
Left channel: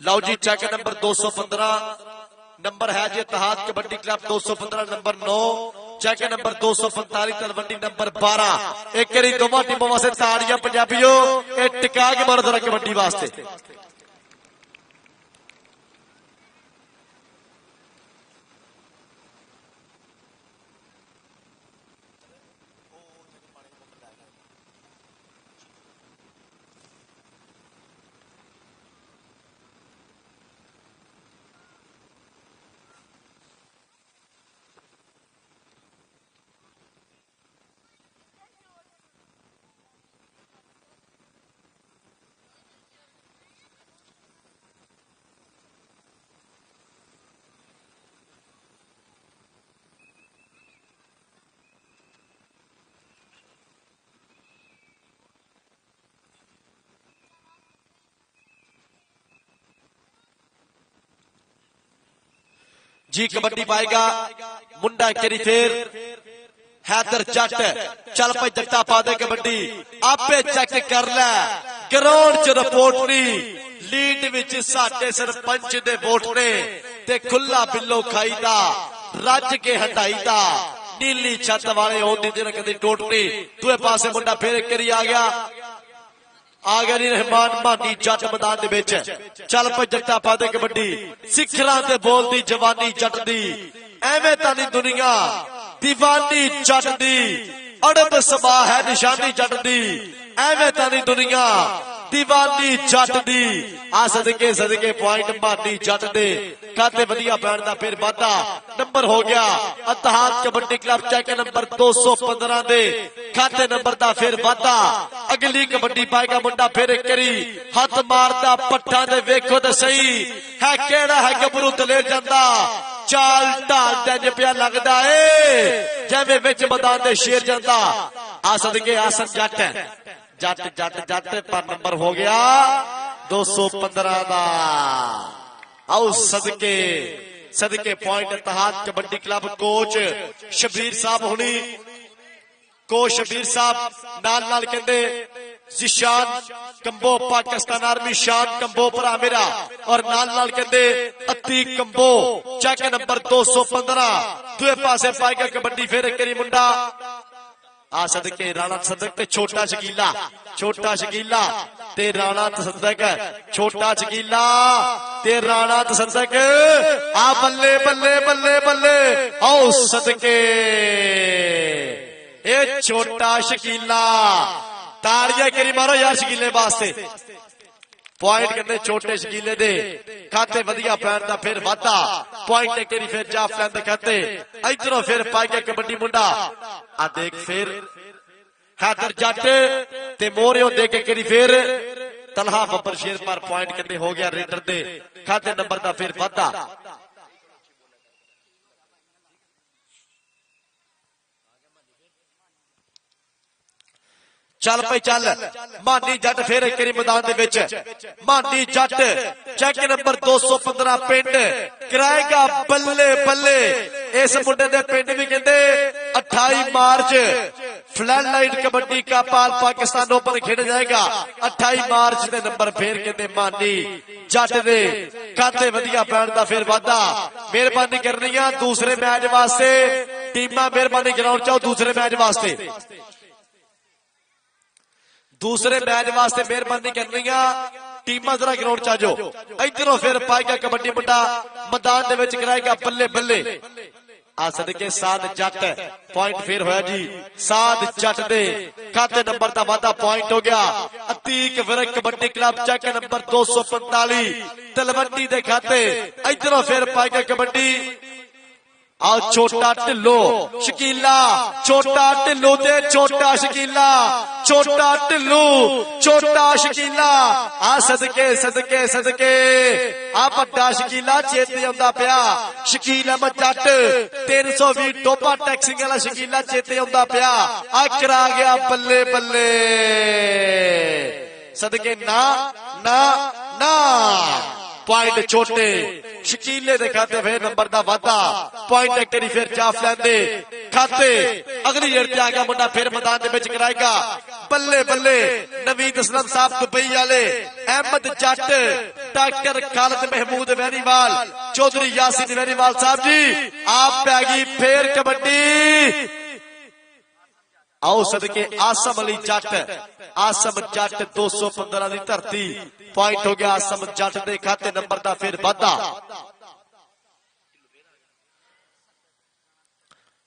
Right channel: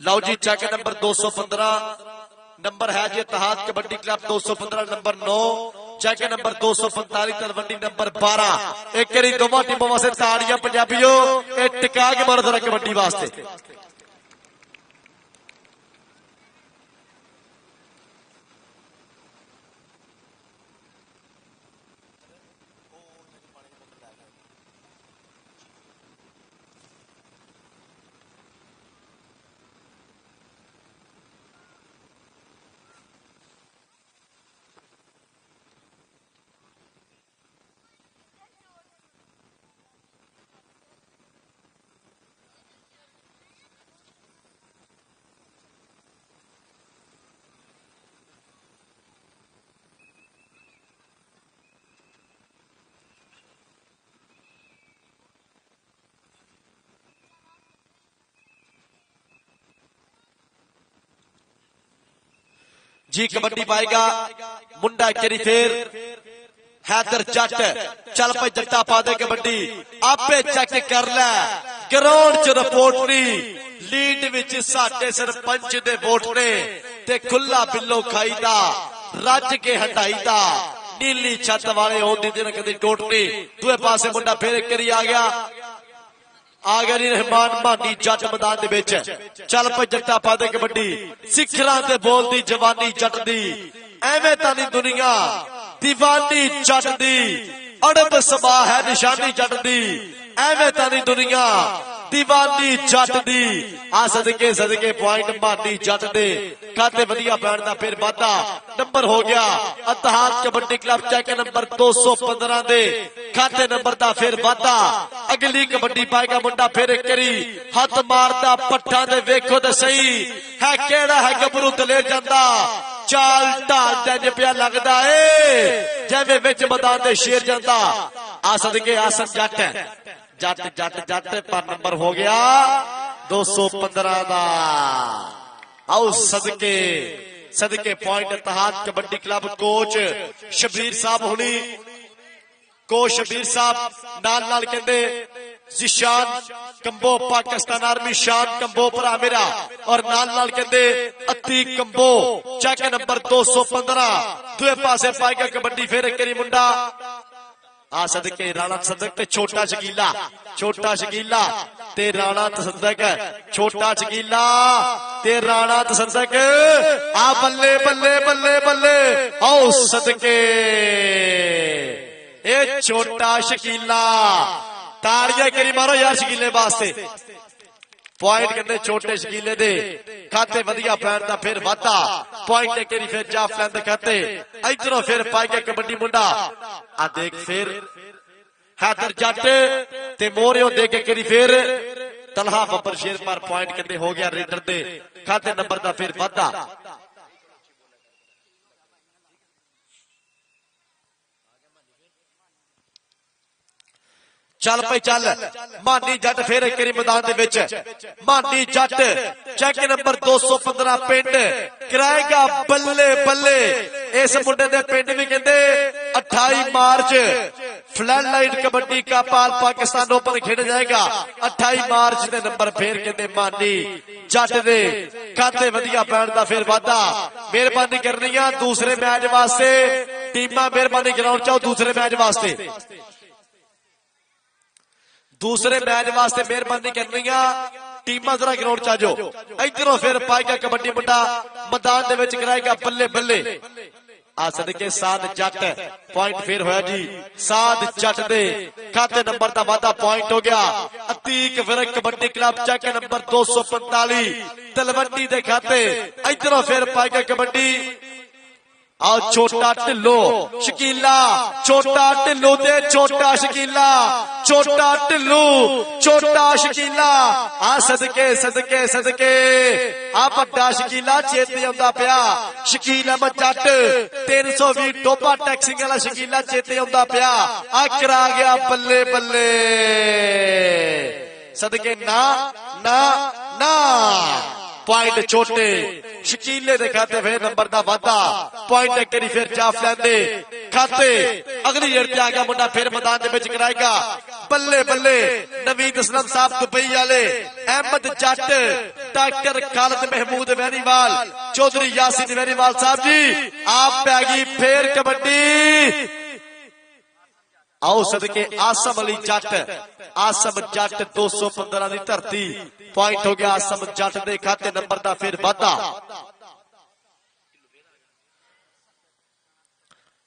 लो जी चेक नंबर 215 नंबर है जी Ittehad kabaddi club 215 number 9 check number 245 Talwandi number 12 एक करी दोनों टीमों वास्ते ताड़ियां पंजाबियों एक टिका के मारो जरा कबड्डी वास्ते जी कबड्डी पाएगा मुंडा करी फिर हैदर जट चल पे जट्टा पा दे कबड्डी आपे चेक कर ले ग्राउंड च रिपोर्ट नी लीड विच साडे सरपंच दे वोट ने ते खुला बिल्लो खाईदा रज के हटाईदा नीली छत वाले होंदी ते कदी टोटनी दूए पासे मुंडा फिर करी आ गया रहमान मानी जट मैदान दे विच चल पे जट्टा पा दे कबड्डी सिखलां ते बोलदी जवानी जट दी एवें तां दुनिया दीवानी जट दी अड़द समा है निशानी जट दी एवें तां दुनिया दीवानी जट दी आ सदके पॉइंट मानी जट दे काते वधिया बैठदा फिर वाधा नंबर हो गया इत्तेहाद कबड्डी क्लब चेक नंबर 215 दे खाते नंबर दा फिर वाधा अगली कबड्डी पाएगा मुंडा फिर करी हाथ मारदा पट्टा दे वेखो ते सही है केड़ा है गबरू तले जांदा चाल ढाल ते पिया लगदा ए जिवें विच मैदान दे शेर जांदा आ सदके आसर जट जट जट जट पर नंबर हो गया 215 दा आओ सदके point Ittehad kabaddi club coach Shabbir साहब हुनी कोच शबीर साहब नाल कहते जिशान कंबो पाकिस्तान आर्मी शान कंबो भरा मेरा और नाल कहते अति कंबो चेक नंबर 215 दूए पासे पाएगा कबड्डी फिर करी मुंडा आ सदके राणा सदक ते छोटा शकीला ते राणा तसदक छोटा शकीला ते राणा तसदक आ बल्ले बल्ले बल्ले बल्ले आओ सदके ए छोटा शकीला ताड़ियां करी मारो यार शकीले वास्ते पॉइंट करने छोटे शकीले दे खाते वधिया पैर दा फिर वाधा पॉइंट करी फिर जाफ लैंदे कहते इधरों फिर पाएगा कबड्डी मुंडा आ देख फिर हैदर जट ते मोरियो दे के करी फिर तलहा बब्बर शेर पर पॉइंट करने हो गया रेडर दे खाते नंबर दा फिर वाधा चल पे चल मानी जट फिर करी मैदान दे विच मानी जट चेक नंबर 215 पिंड कराएगा बल्ले बल्ले इस मुंडे दे पिंड भी कहते 28 मार्च फ्लड लाइट कबड्डी का पाकिस्तान ओपन खेल जाएगा 28 मार्च के नंबर फिर कहते मानी जट दे कहते वधिया बैठदा फिर वाधा मेहरबानी करनी है दूसरे मैच वास्ते टीमां मेहरबानी ग्राउंड चाओ दूसरे मैच वास्ते मेहरबानी करनी है टीमां जरा ग्राउंड च आ जाओ इधरों फिर पाएगा कबड्डी मुंडा मैदान दे विच कराएगा बल्ले बल्ले आ सदके साध जट पॉइंट फिर होया जी साध जट दे खाते नंबर दा वाधा पॉइंट हो गया Atiq Virk kabaddi club check number 245 Talwandi दे खाते इधरों फिर पाएगा कबड्डी आ छोटा ढिल्लो शकीला छोटा ढिल्लो ते छोटा शकीला छोटा ढिल्लू छोटा शकीला आ सदके सदके सदके आ बड़ा शकीला चेते आउंदा पिया शकील अहमद जट 320 डोबा टैक्सी वाला शकीला चेते आउंदा पिया आ करा गया बल्ले बल्ले सदके ना ना ना पॉइंट छोटे शकीले दे खाते फिर नंबर का वादा पॉइंट एक करी फिर जाफ लैंदे खाते अगली गेड़ ते आ गया मुन्ना फिर मैदान दे विच कराएगा बल्ले बल्ले नवीद असलम साहब दुबई वाले अहमद जट डॉक्टर खालिद महमूद वेरीवाल चौधरी यासीन वेरीवाल साहब जी आप पैगी फिर कबड्डी आओ सदके आसम अली जट आसम जट 215 की धरती पॉइंट हो गया आसम जट के खाते नंबर का फिर वाधा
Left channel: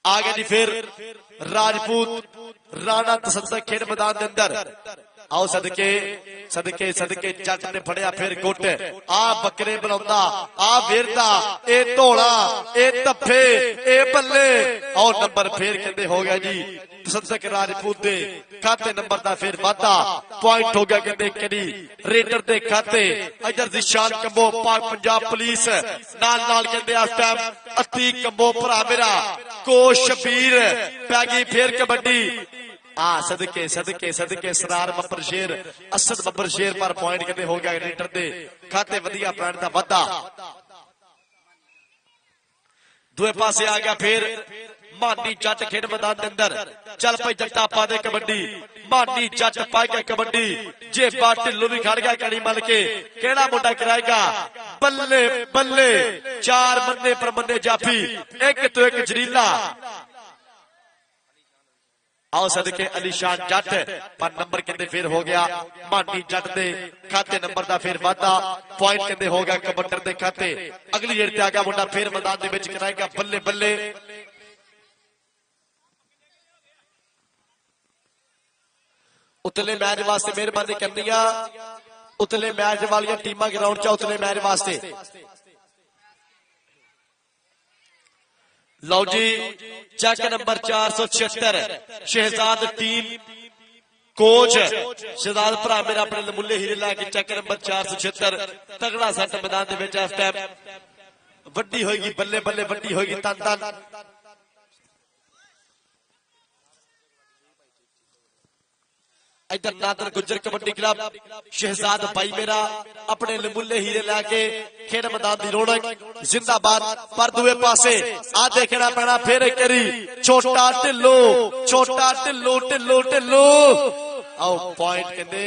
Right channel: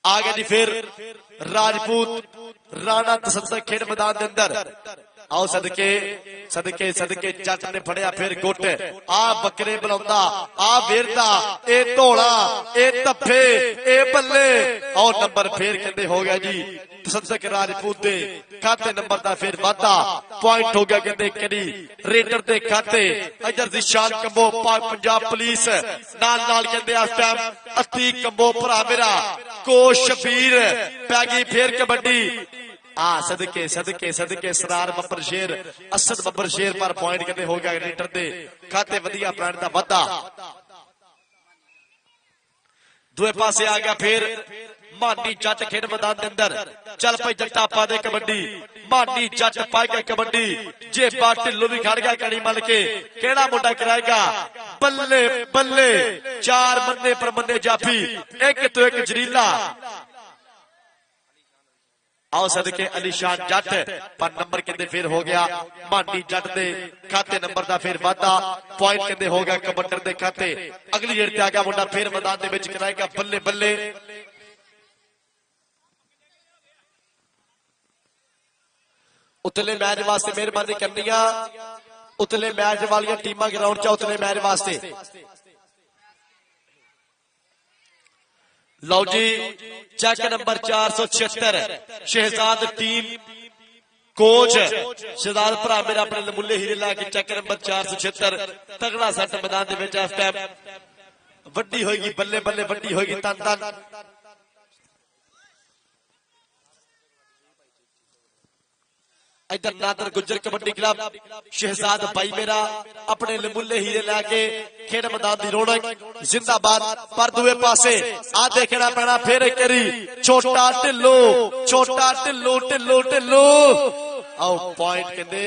आगे जी फिर राजपूत राणा तसद्दक खेल मैदान के अंदर आओ सदके सदके सदके जट ने फड़िया फिर गुट आ बकरे बुलाता आ गिरता ए धोला ए तब्बे ए बल्ले और नंबर फिर कहते हो गया जी तसद्दक राजपूत दे खाते नंबर का फिर वाधा पॉइंट हो गया कहते करी रेडर दे खाते इधर दिशान कबो पंजाब पुलिस नाल नाल कहते इस टाइम अति कबो भरा मेरा को शबीर पैगी फिर कबड्डी आ सदके सदके सदके सरार बब्बर शेर असद बब्बर शेर पर पॉइंट कहते हो गया रेडर दे खाते वधिया पॉइंट का वाधा दूए पासे आ गया फिर मानी जट खेड मैदान के अंदर चल भाई जट्टा पा दे कबड्डी मानी जट पाएगा कबड्डी जे बात ढिल्लू भी खड़ गया कड़ी मल के केड़ा मुंडा कराएगा बल्ले बल्ले चार बंदे पर बंदे जाफी एक तो एक जरीला आओ सदके अलीशान जट पर नंबर कहते फिर हो गया मानी जट दे खाते नंबर का फिर वाधा पॉइंट कहते हो गया कबड्डर दे खाते अगली गेड़ ते आ गया मुंडा फिर मैदान दे विच कराएगा बल्ले बल्ले उतले मैच वास्ते मेहरबानी करनी उतले मैच वाली टीम ग्राउंड च उतले मैच वास्ते लो जी check number 476 Shahzad team coach Shahzad भरा मेरा अपने लमुले हीरे लैके चेक नंबर 476 तगड़ा सट मैदान के विच इस टाइम वड्डी होएगी बल्ले बल्ले वड्डी होएगी तन तन इधर नादर गुजर कबड्डी क्लब शहजाद भाई मेरा अपने लमुले हीरे लैके खेल मैदान की रौनक जिंदाबाद पर दूए पासे आ देखना पैना फिर एक करी छोटा ढिल्लू ढिल्लू ढिल्लू ढिल्लू आओ पॉइंट कहते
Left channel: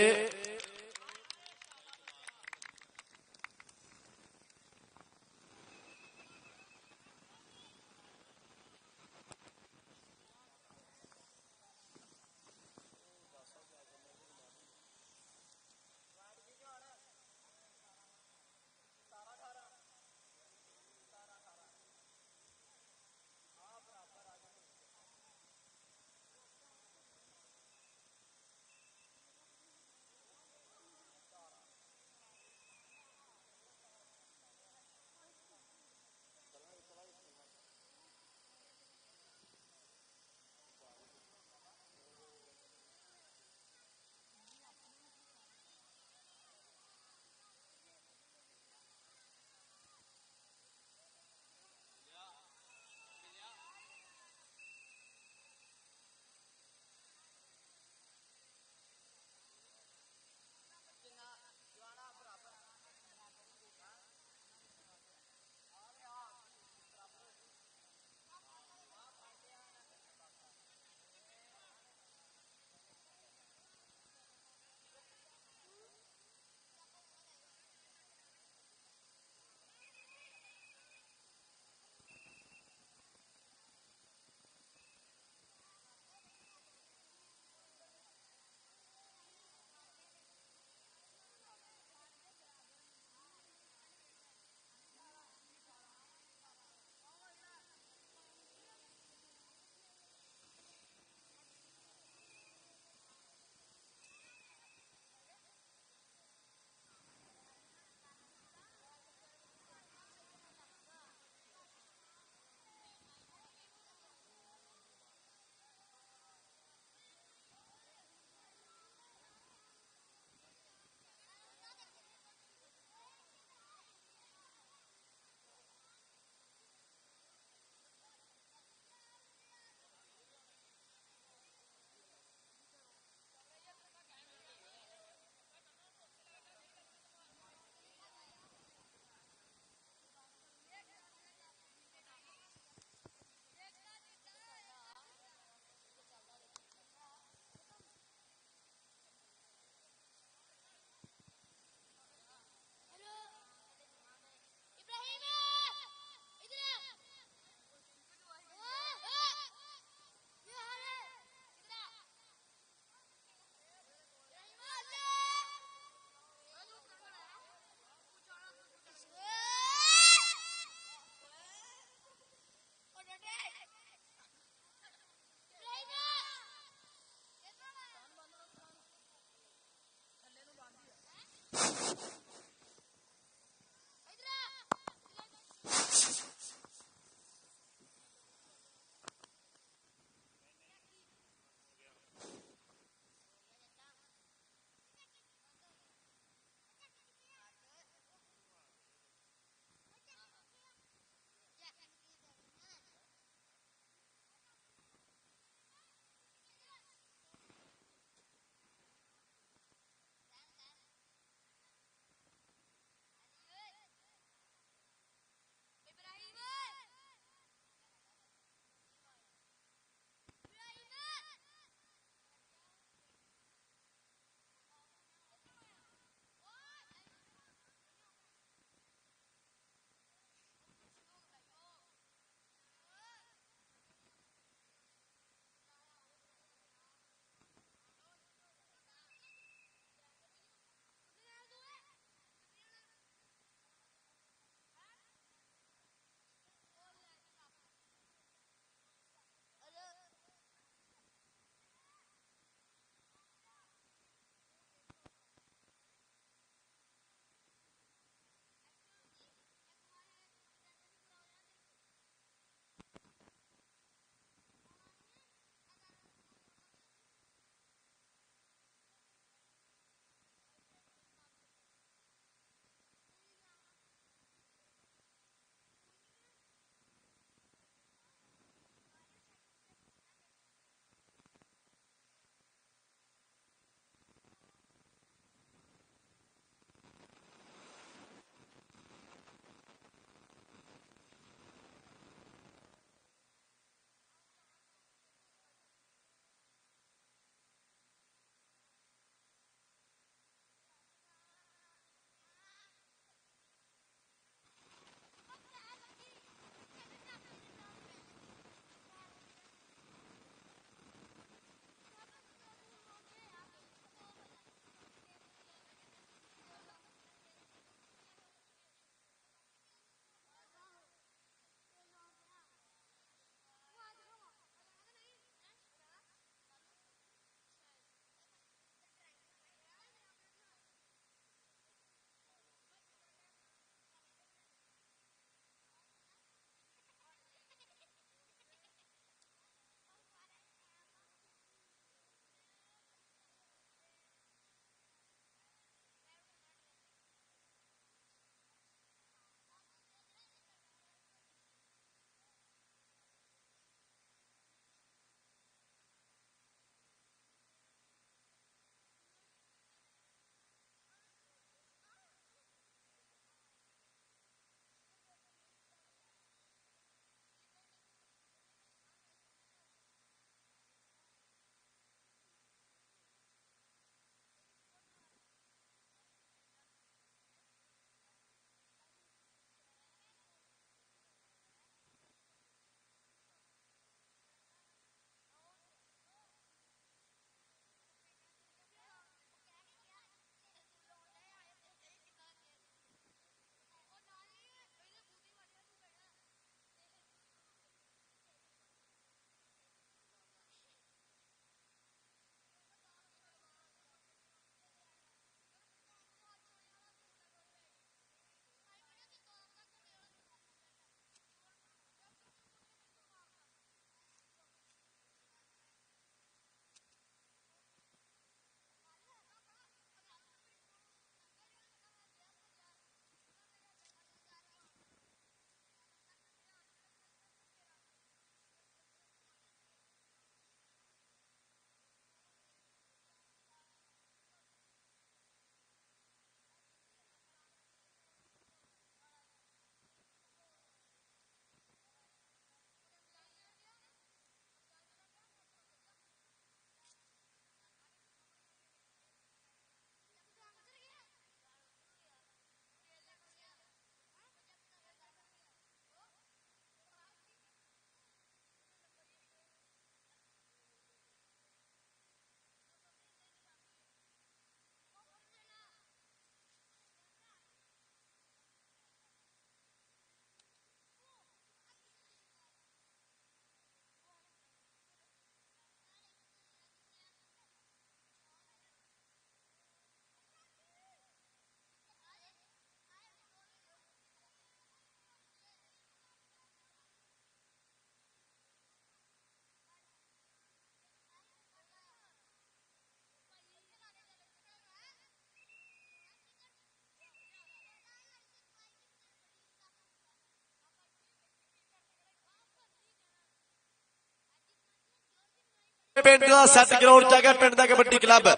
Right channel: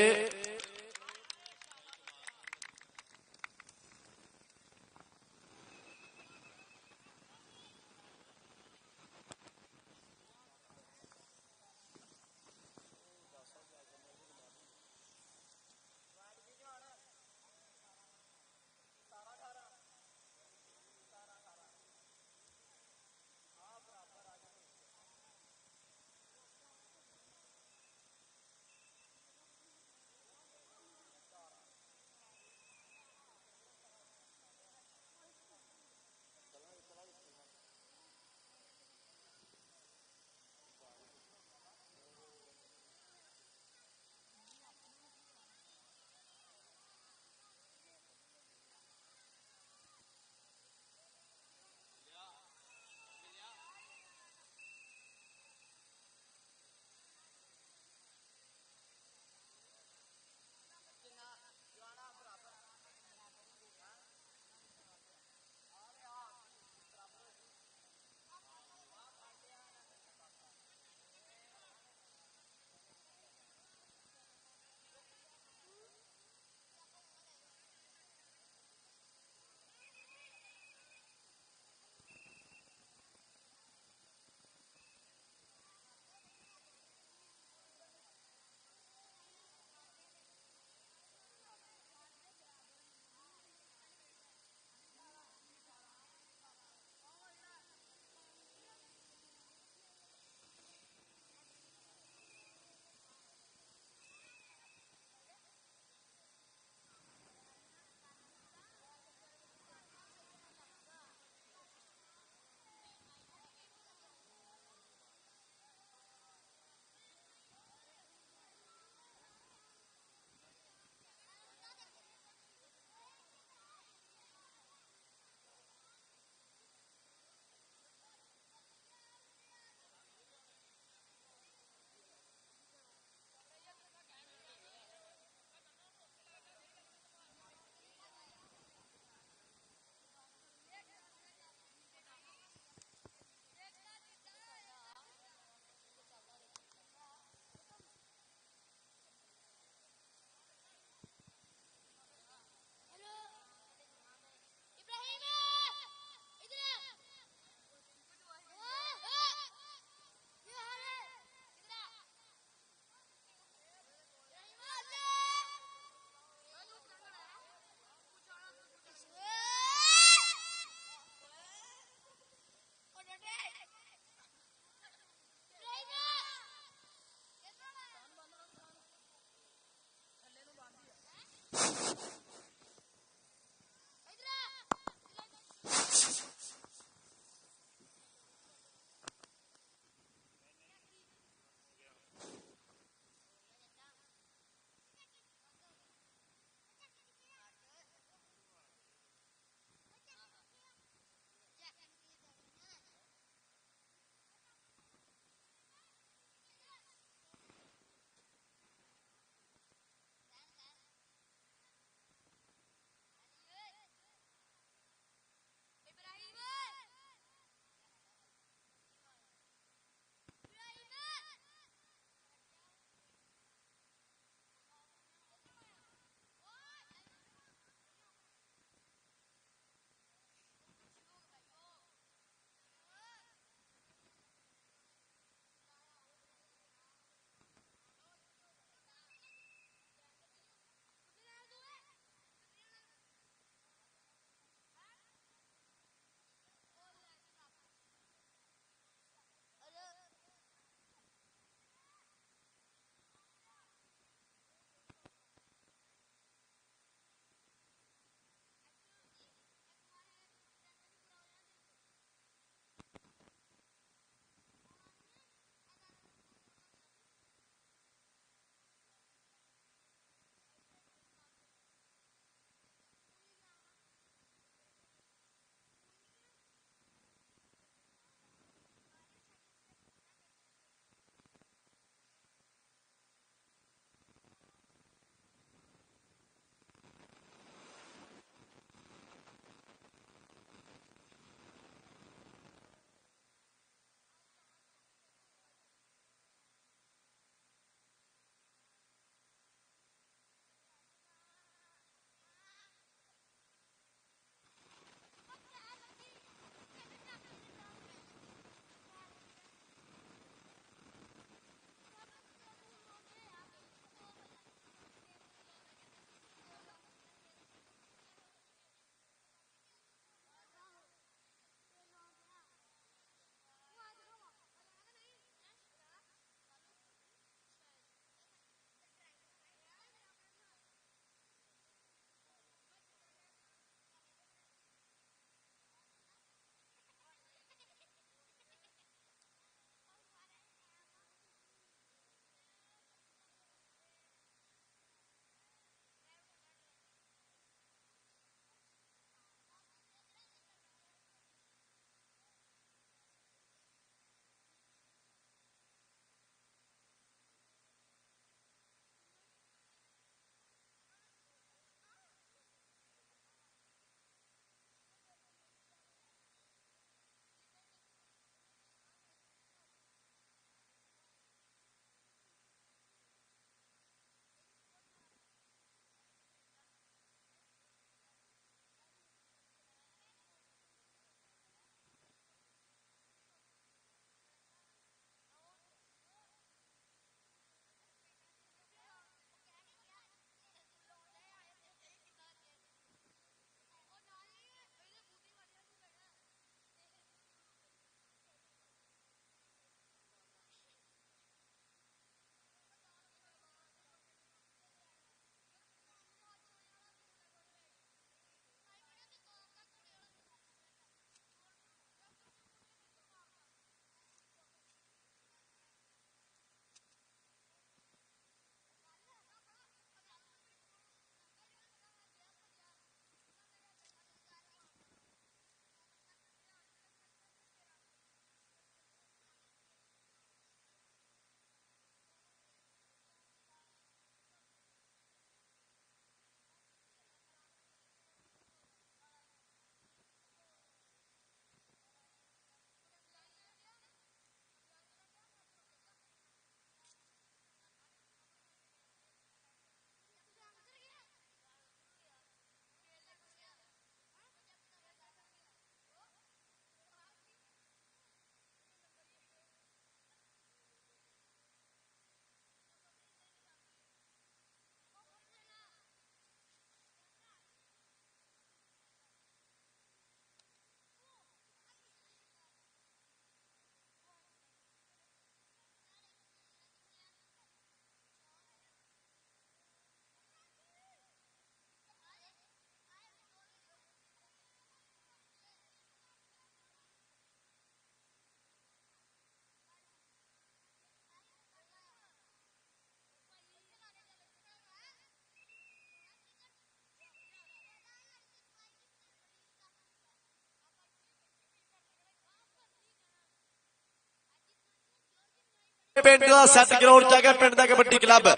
पिंड का 7 करोड़ जगह पिंड का कबड्डी क्लब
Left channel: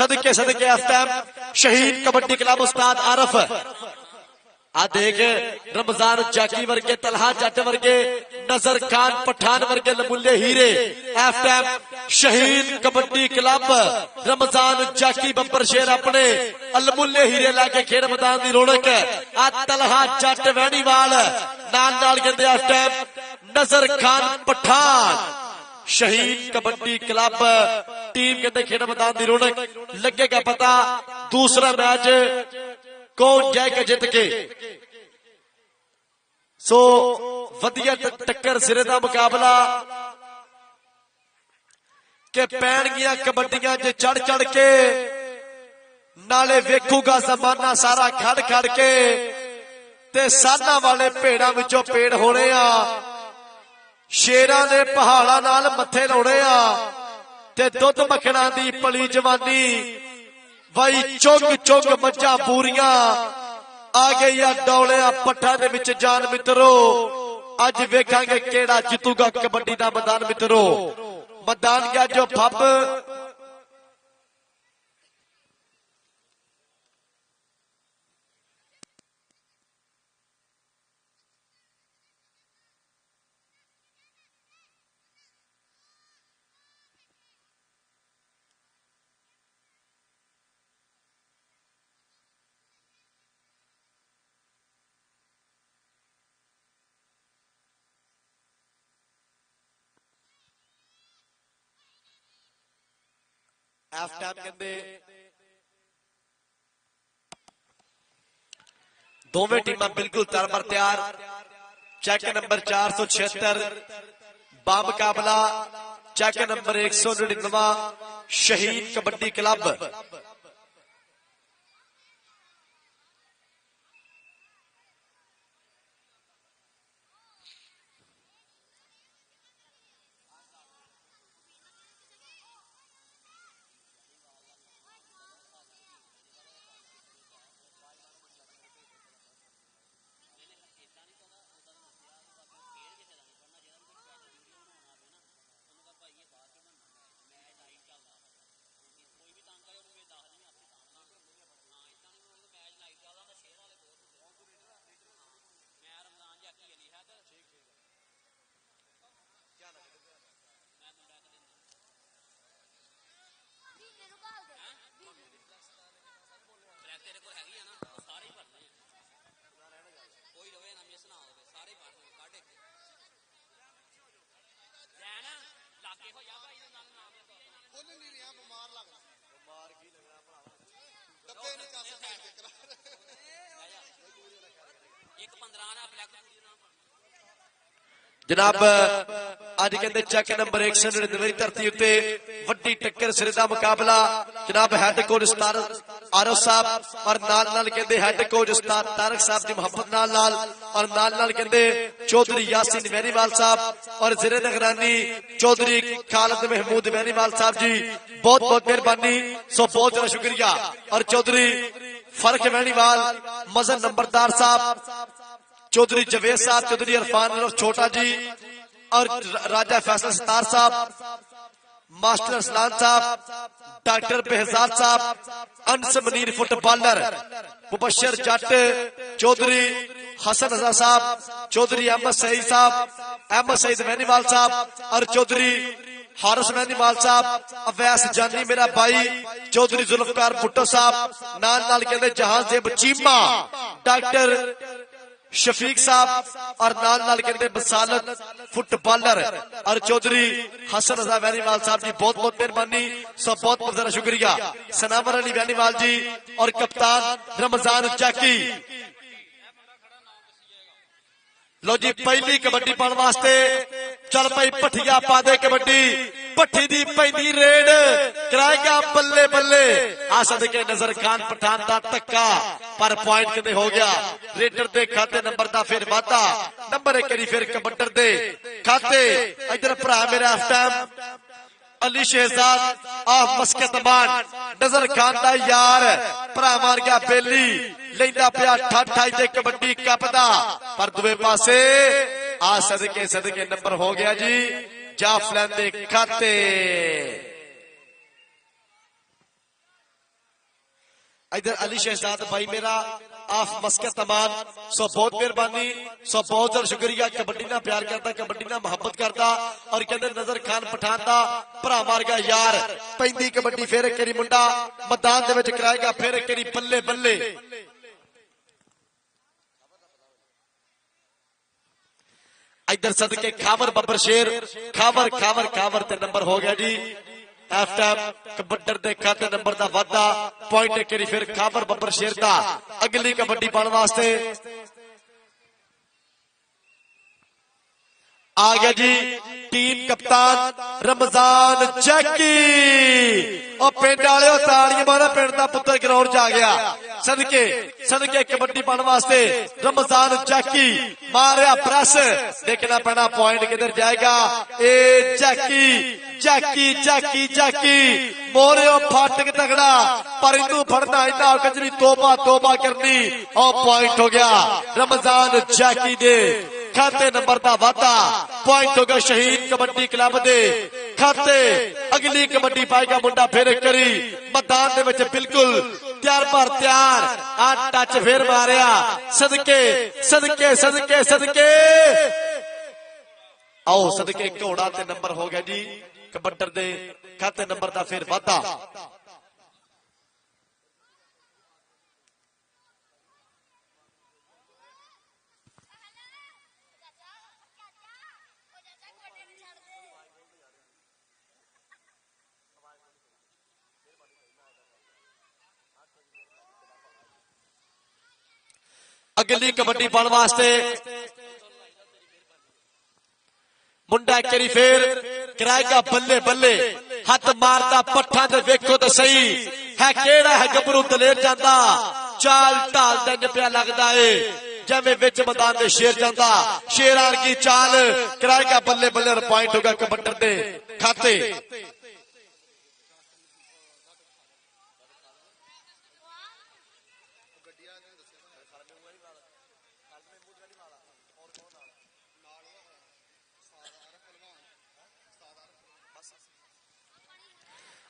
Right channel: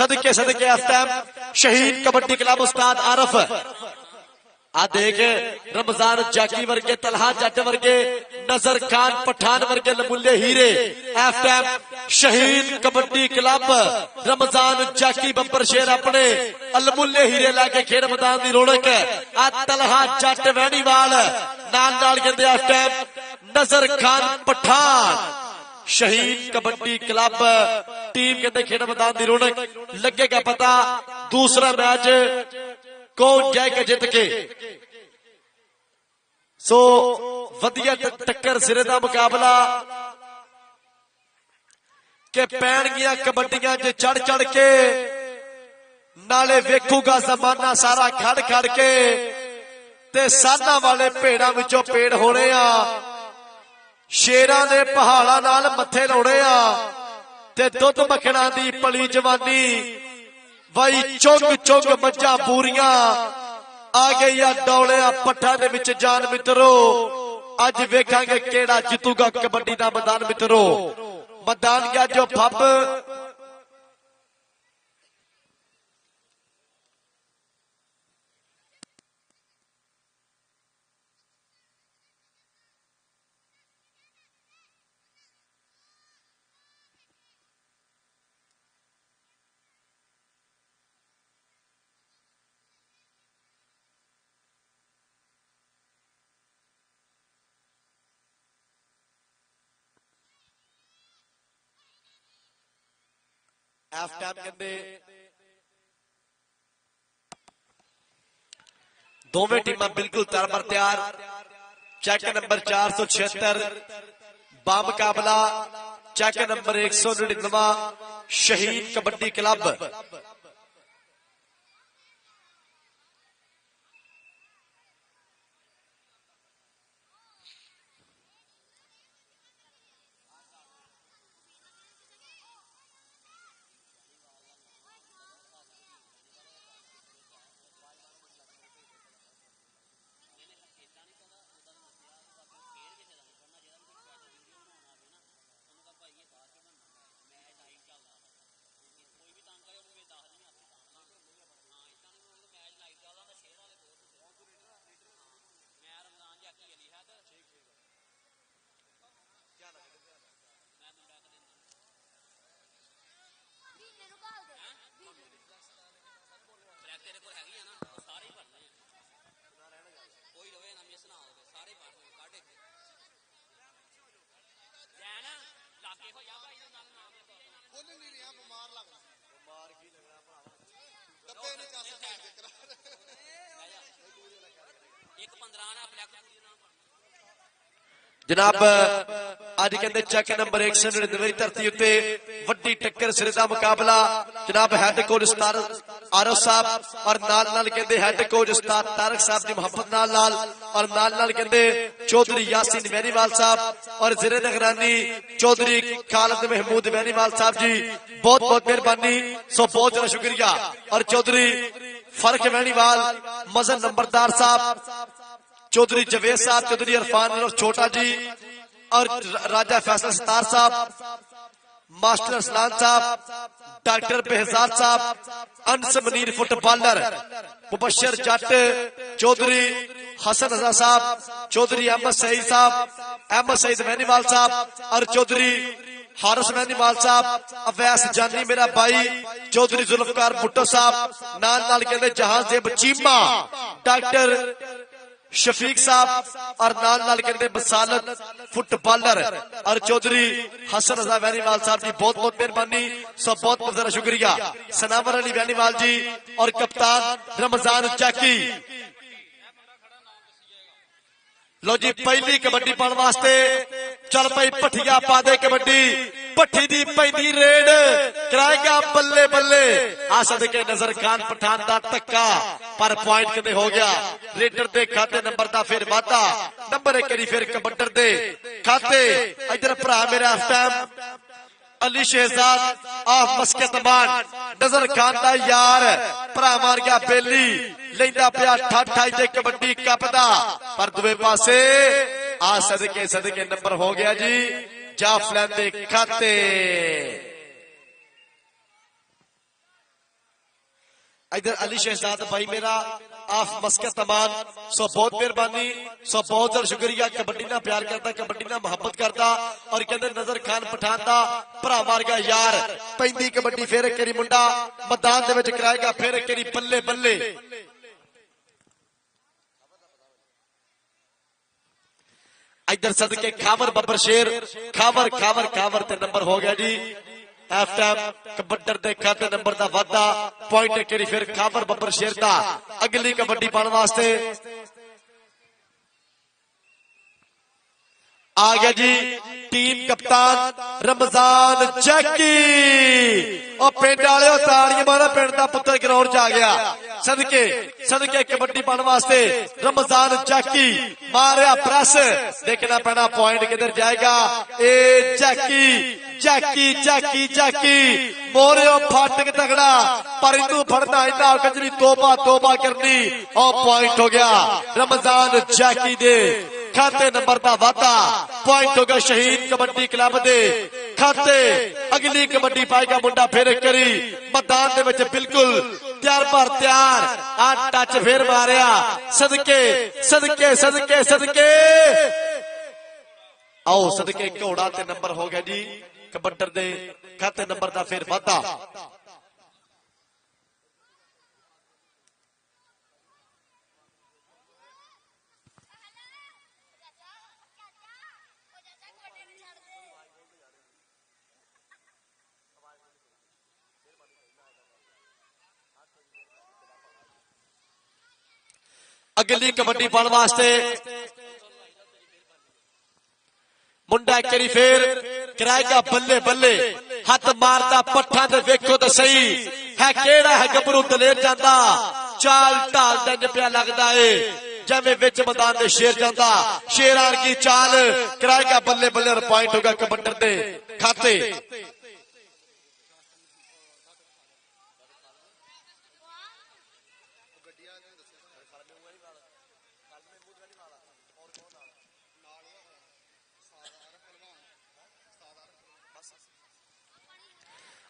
सदके सदके शहीद कबड्डी क्लब उस्ताद आरफ आ देख रमजान जाकी वर्गे तलहा जट वर्गे नजर खान पठान वर्गे नमूने हीरे शहीद कबड्डी क्लब रमजान जाकी बब्बर शेर अपने अलमुल्ले हीरे लैके खेड मैदान की रौनक आ तलहा जट वैनीवाल नाल नाल कहते इस टाइम नजर खान पठान शहीद कबड्डी क्लब टीम कहते खेड मैदान की रौनक लगेगा पता दूसरा मैच कौन जाएगा जित के सो वधिया टक्कर सिरे का मुकाबला के पैण गया कबड्डियां च चढ़ चढ़ के नाले वेखूगा जमाना सारा खड़ खड़ के ते साधा वाले भेड़ां विचों पेड़ होने आ शेरां दे पहाड़ां नाल मत्थे लाउणे आ ते दुध मखणा दी पली जवानी भाई चुग चुग बच्चा पूरियां आ गई डौले पट्टा दे विच जान मित्रो अज वेखांगे किहड़ा जितूगा कबड्डी दा मैदान मित्रो मैदान या जो फप हाफ टाइम कहते दोवें टीमां बिल्कुल तरबर तैयार चेक नंबर 476 बामुकाबला चेक नंबर 199 शहीद कबड्डी क्लब जनाब अज कहते चेक नंबर 199 धरती उत्ते वड्डी टक्कर सिरे दा मुकाबला जनाब हेड कोच उस्ताद आरफ साहब और नाल नाल कहते हेड कोच उस्ताद तारक साहब दी मोहब्बत नाल और नाल कहते चौधरी यासीन वैनीवाल साहब और जिले निगरानी चौधरी खालिद महमूद वैनीवाल साहब जी बहुत बहुत मेहरबानी सो बहुत बहुत शुक्रिया और चौधरी फर्क वैनीवाल मजन नंबरदार साहब चौधरी जवेद साहब चौधरी इरफान छोटा जी और राजा फैसल सतार साहब मास्टर असलान साहब डॉक्टर बेहजान साहब अंस मनीर फुटबॉलर मुबशर जट चौधरी हसन हसन साहब चौधरी अहमद सईद वैनीवाल साहब और चौधरी हारिस वैनीवाल साहब अवैस जानी मेरा भाई चौधरी जुल्फकार भुट्टो साहब नाल कहते जहांजेब चीमा डॉक्टर शफीक साहब और नाल कहते बसालत फुटबॉलर और चौधरी हसन रजा वैनीवाल साहब जी बहुत बहुत मेहरबानी सब बहुत बहुत ज्यादा शुक्रिया सनावर अली वैनीवाल जी और कप्तान रमजान जाकी लो जी पहली कबड्डी पाने वास्ते चल भाई पठिया पा दे कबड्डी पट्टी दी पहली रेड कराएगा बल्ले बल्ले आ सदके नजर खान पठान दा टक्का पर पॉइंट किते हो गया रेडर दे खाते नंबर दा फिर वादा नंबर करी फिर कबड्डर दे खाते इधर भरा मेरे अफताब अली शहजाद ऑफ बास्केटबॉल नजर खान दा यार भरा मार गया बेली लेदा पिया ठाठा ते कबड्डी कप दा पर दुए पासे आ सदके नंबर हो गया जी जाफलैन के खाते। इधर अली शहजाद भाई मेरा आफ मस्कत तमाम, सो बहुत मेहरबानी, सो बहुत बहुत शुक्रिया। कबड्डी ना प्यार करता, कबड्डी ना मोहब्बत करता और कहते नजर खान पठान दा भरा मार गया यार। पैंती कबड्डी फिर एक करी मुंडा मैदान दे विच कराएगा, फिर एक करी बल्ले बल्ले। इधर सदके खावर बब्बर शेर, खावर खावर खावर ते नंबर हो गया जी। हाफ टाइम कबड्डर दे खाते नंबर दा वादा, पॉइंट एक करी फिर खावर बब्बर शेर दा। अगली कबड्डी पाने वास्ते आ गया जी टीम कप्तान रमजान जैकी। और पिंड वाले ताड़ियां मारा, पिंड का पुत्र ग्राउंड च आ गया। सदके सदके कबड्डी पाने वास्ते रमजान जैकी मारिया प्रेस, देखना पैना पॉइंट किधर जाएगा। एक जैकी जैकी जैकी जैकी और फाटक तगड़ा, पर इनू फड़ना इन्ना कजरी तोबा तोबा करनी। और पॉइंट हो गया रमजान जैकी दे खाते नंबर का वादा, पॉइंट होगा शहीद कबड्डी क्लब दे खाते। अगली कबड्डी पाएगा मुंडा फिर करी मैदान दे विच बिल्कुल तैयार पर तैयार। टच फिर मारिया, सदके सदके सदके सदके आओ सदके घोड़ा ते नंबर हो गया जी कबड्डर दे खाते नंबर का फिर वादा। अगली कबड्डी पाने वास्ते मुंडा करी फिर कराएगा बल्ले बल्ले, हाथ मारता पट्टा तो देखो तो सही है केड़ा है गबरू दलेर जाता। चाल ढाल तक पिया लगता है जब बिच मैदान में शेर जाता, शेर आन की चाल कराएगा बल्ले बल्ले और पॉइंट होगा कबड्डर दे खाते।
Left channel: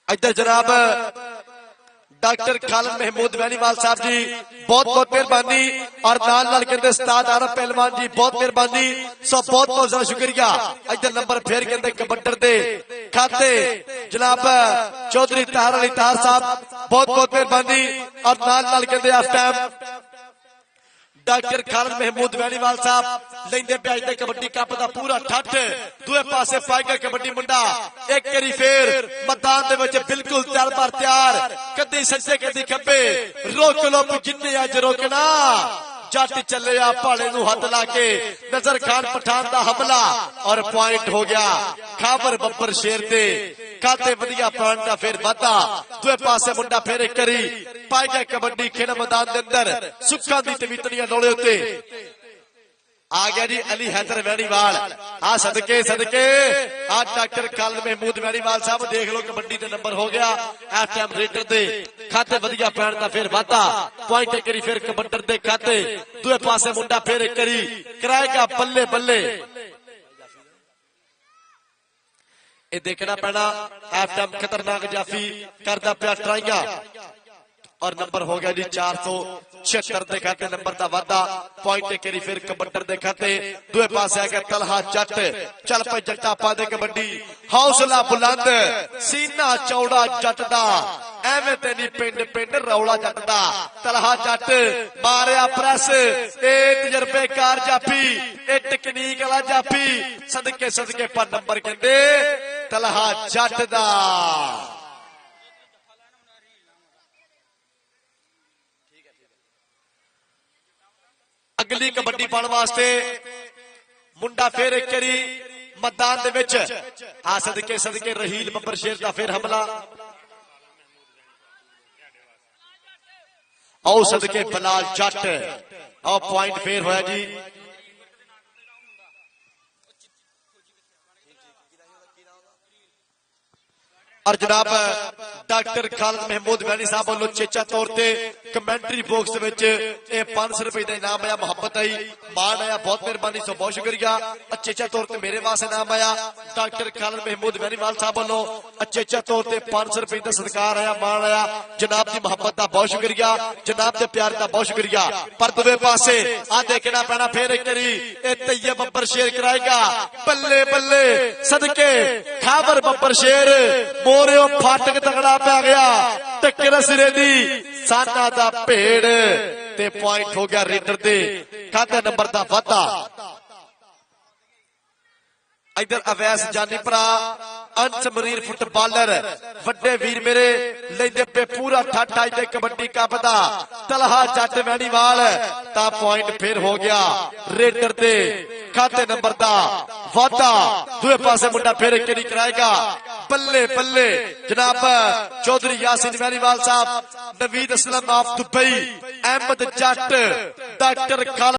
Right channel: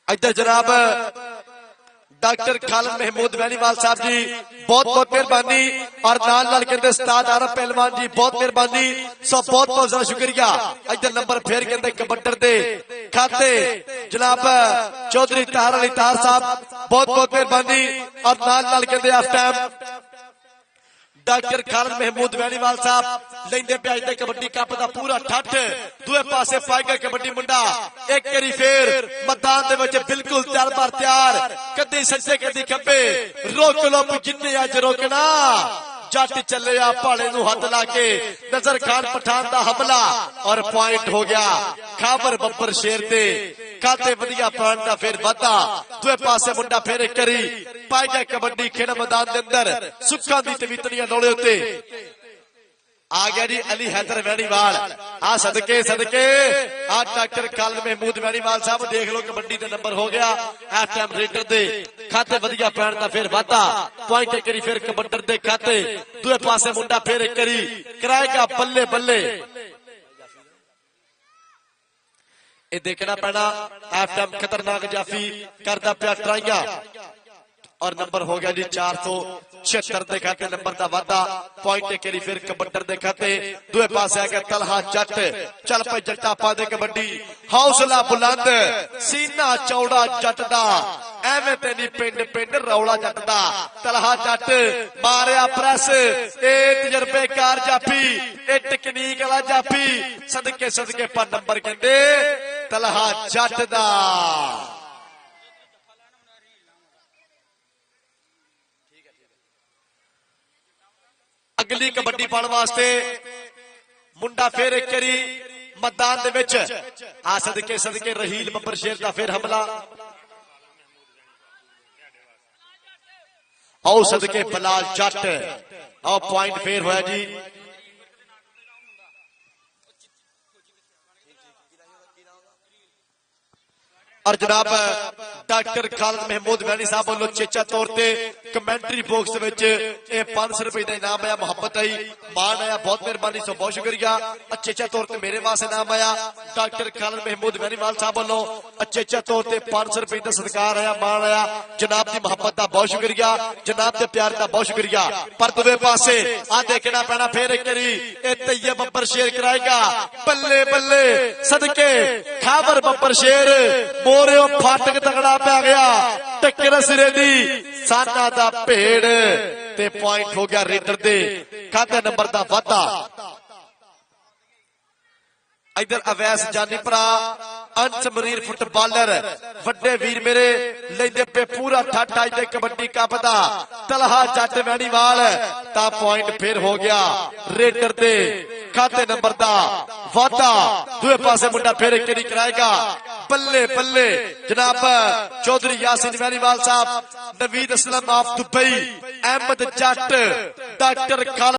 इधर जनाब डॉक्टर खालिद महमूद बेनीवाल साहब जी बहुत बहुत मेहरबानी, और नाल लड़के के उस्ताद आरम पहलवान जी बहुत मेहरबानी, सब बहुत बहुत ज्यादा शुक्रिया। इधर नंबर फेर के अंदर कबड्डर दे खाते जनाब चौधरी तार अली तार साहब बहुत बहुत मेहरबानी, और नाल लड़के के आफ्टर डॉक्टर खालिद महमूद बेनीवाल साहब लेते पे कबड्डी कप का पूरा ठट दूए पासे पाएगा कबड्डी मुंडा एक करी फिर मैदान दे विच बिल्कुल तैयार पर तैयार। कदी सज्जे कदी खब्बे रोक लो जिन्ने अज रोकना, जट चले आ भाड़े नूं हथ ला के नजर खान पठान दा हमला और पॉइंट हो गया खाबर बब्बर शेर दे काते वधिया प्राण दा फिर वादा। दूए पासे मुंडा फिर एक करी पाएगा कबड्डी खेल मैदान दे अंदर सुक्का दी तवीतलियां डोले उत्ते आ गया जी अली हैदर बेनीवाल। आ सदके सदके आ डॉक्टर खालिद महमूद बेनीवाल साहब देख लो कबड्डी का नंबर हो गया। हाफ टाइम रेडर दे खाते वधिया पैण दा फिर वादा, पॉइंट करी फिर कबड्डर दे खाते दूए पासे मुंडा फिर एक करी कराएगा बल्ले बल्ले। ये देखना पैना हाफ टाइम खतरनाक जाफी करता पिया ट्राइया और नंबर हो गया जी 476 दे खाते नंबर का वादा, पॉइंट करी फिर कबड्डर दे खाते दूए पासे आ गया तलहा जट। चल पे जट्टा पा दे कबड्डी, हौसला बुलंद सीना चौड़ा जट दा, एवें ते नी पिंड पिंड रौला जट दा। तलहा जट Maria press, A तजर्बेकार जाफी, a technique वाला जाफी, सदके सदके पर नंबर कहते तलहा जट दा। अगली कबड्डी पाने वास्ते मुंडा फिर एक करी मैदान दे विच आ सदके सदके रहील बब्बर शेर का फिर हमला। आओ सदके बलाल जट, आओ पॉइंट फिर होया जी। और जनाब डॉक्टर खालिद महमूद बैनी साहब वालों चेचा तौर पर ਕਮੈਂਟਰੀ ਬਾਕਸ ਵਿੱਚ ਇਹ 500 ਰੁਪਏ ਦਾ ਇਨਾਮ ਆਇਆ। ਮੁਹੱਬਤ ਆਈ, ਮਾਣ ਆਇਆ, ਬਹੁਤ ਮਿਹਰਬਾਨੀ ਸੋ ਬਹੁਤ ਸ਼ੁਕਰੀਆ। ਅਚੇਚੇ ਤੌਰ ਤੇ ਮੇਰੇ ਵਾਸਤੇ ਇਨਾਮ ਆਇਆ ਡਾਕਟਰ ਖਾਲਦ ਮਹਿਮੂਦ ਵੈਰੀਵਾਲ ਸਾਹਿਬ ਵੱਲੋਂ। ਅਚੇਚੇ ਤੌਰ ਤੇ 500 ਰੁਪਏ ਦਾ ਸਤਿਕਾਰ ਆਇਆ, ਮਾਣ ਆਇਆ। ਜਨਾਬ ਦੀ ਮੁਹੱਬਤ ਦਾ ਬਹੁਤ ਸ਼ੁਕਰੀਆ, ਜਨਾਬ ਦੇ ਪਿਆਰ ਦਾ ਬਹੁਤ ਸ਼ੁਕਰੀਆ। ਪਰ ਦੂਜੇ ਪਾਸੇ ਆ ਦੇਖਣਾ ਪੈਣਾ ਫੇਰ ਇੱਕ ਵਾਰੀ ਇਹ ਤਈਏ ਬੰਪਰ ਸ਼ੇਰ ਕਰਾਏਗਾ। ਬੱਲੇ ਬੱਲੇ ਸਦਕੇ ਖਾਦਰ ਬੰਪਰ ਸ਼ੇਰ ਮੋਰਿਓ ਫਾਟਕ ਤਗੜਾ ਪੈ ਗਿਆ। ਟੱਕਰ ਸਿਰੇ ਦੀ ਸਾਨਾ ਦਾ ਭੇੜ ਤੇ ਪੁਆਇੰਟ ਹੋ ਗਿਆ ਰੇਡਰ ਦੇ ਕੰਧ ਨੰਬਰ ਦਾ ਵਾਧਾ। इधर अवैस जानीपुरा अंच मरीर फुटबॉलर वड्डे वीर मेरे लेंदे पे पूरा ठाटा के कबड्डी कप दा तलहा जट वैणीवाल ता पॉइंट फिर हो गया रेडर दे कंध नंबर दा वाधा। दूसरे पासे मुंडा फिर एक कराएगा। बल्ले बल्ले जनाब Chaudhary Yasin Wainiwal Sahab, Naveed Aslam of Dubai, Ahmad Jat, doctor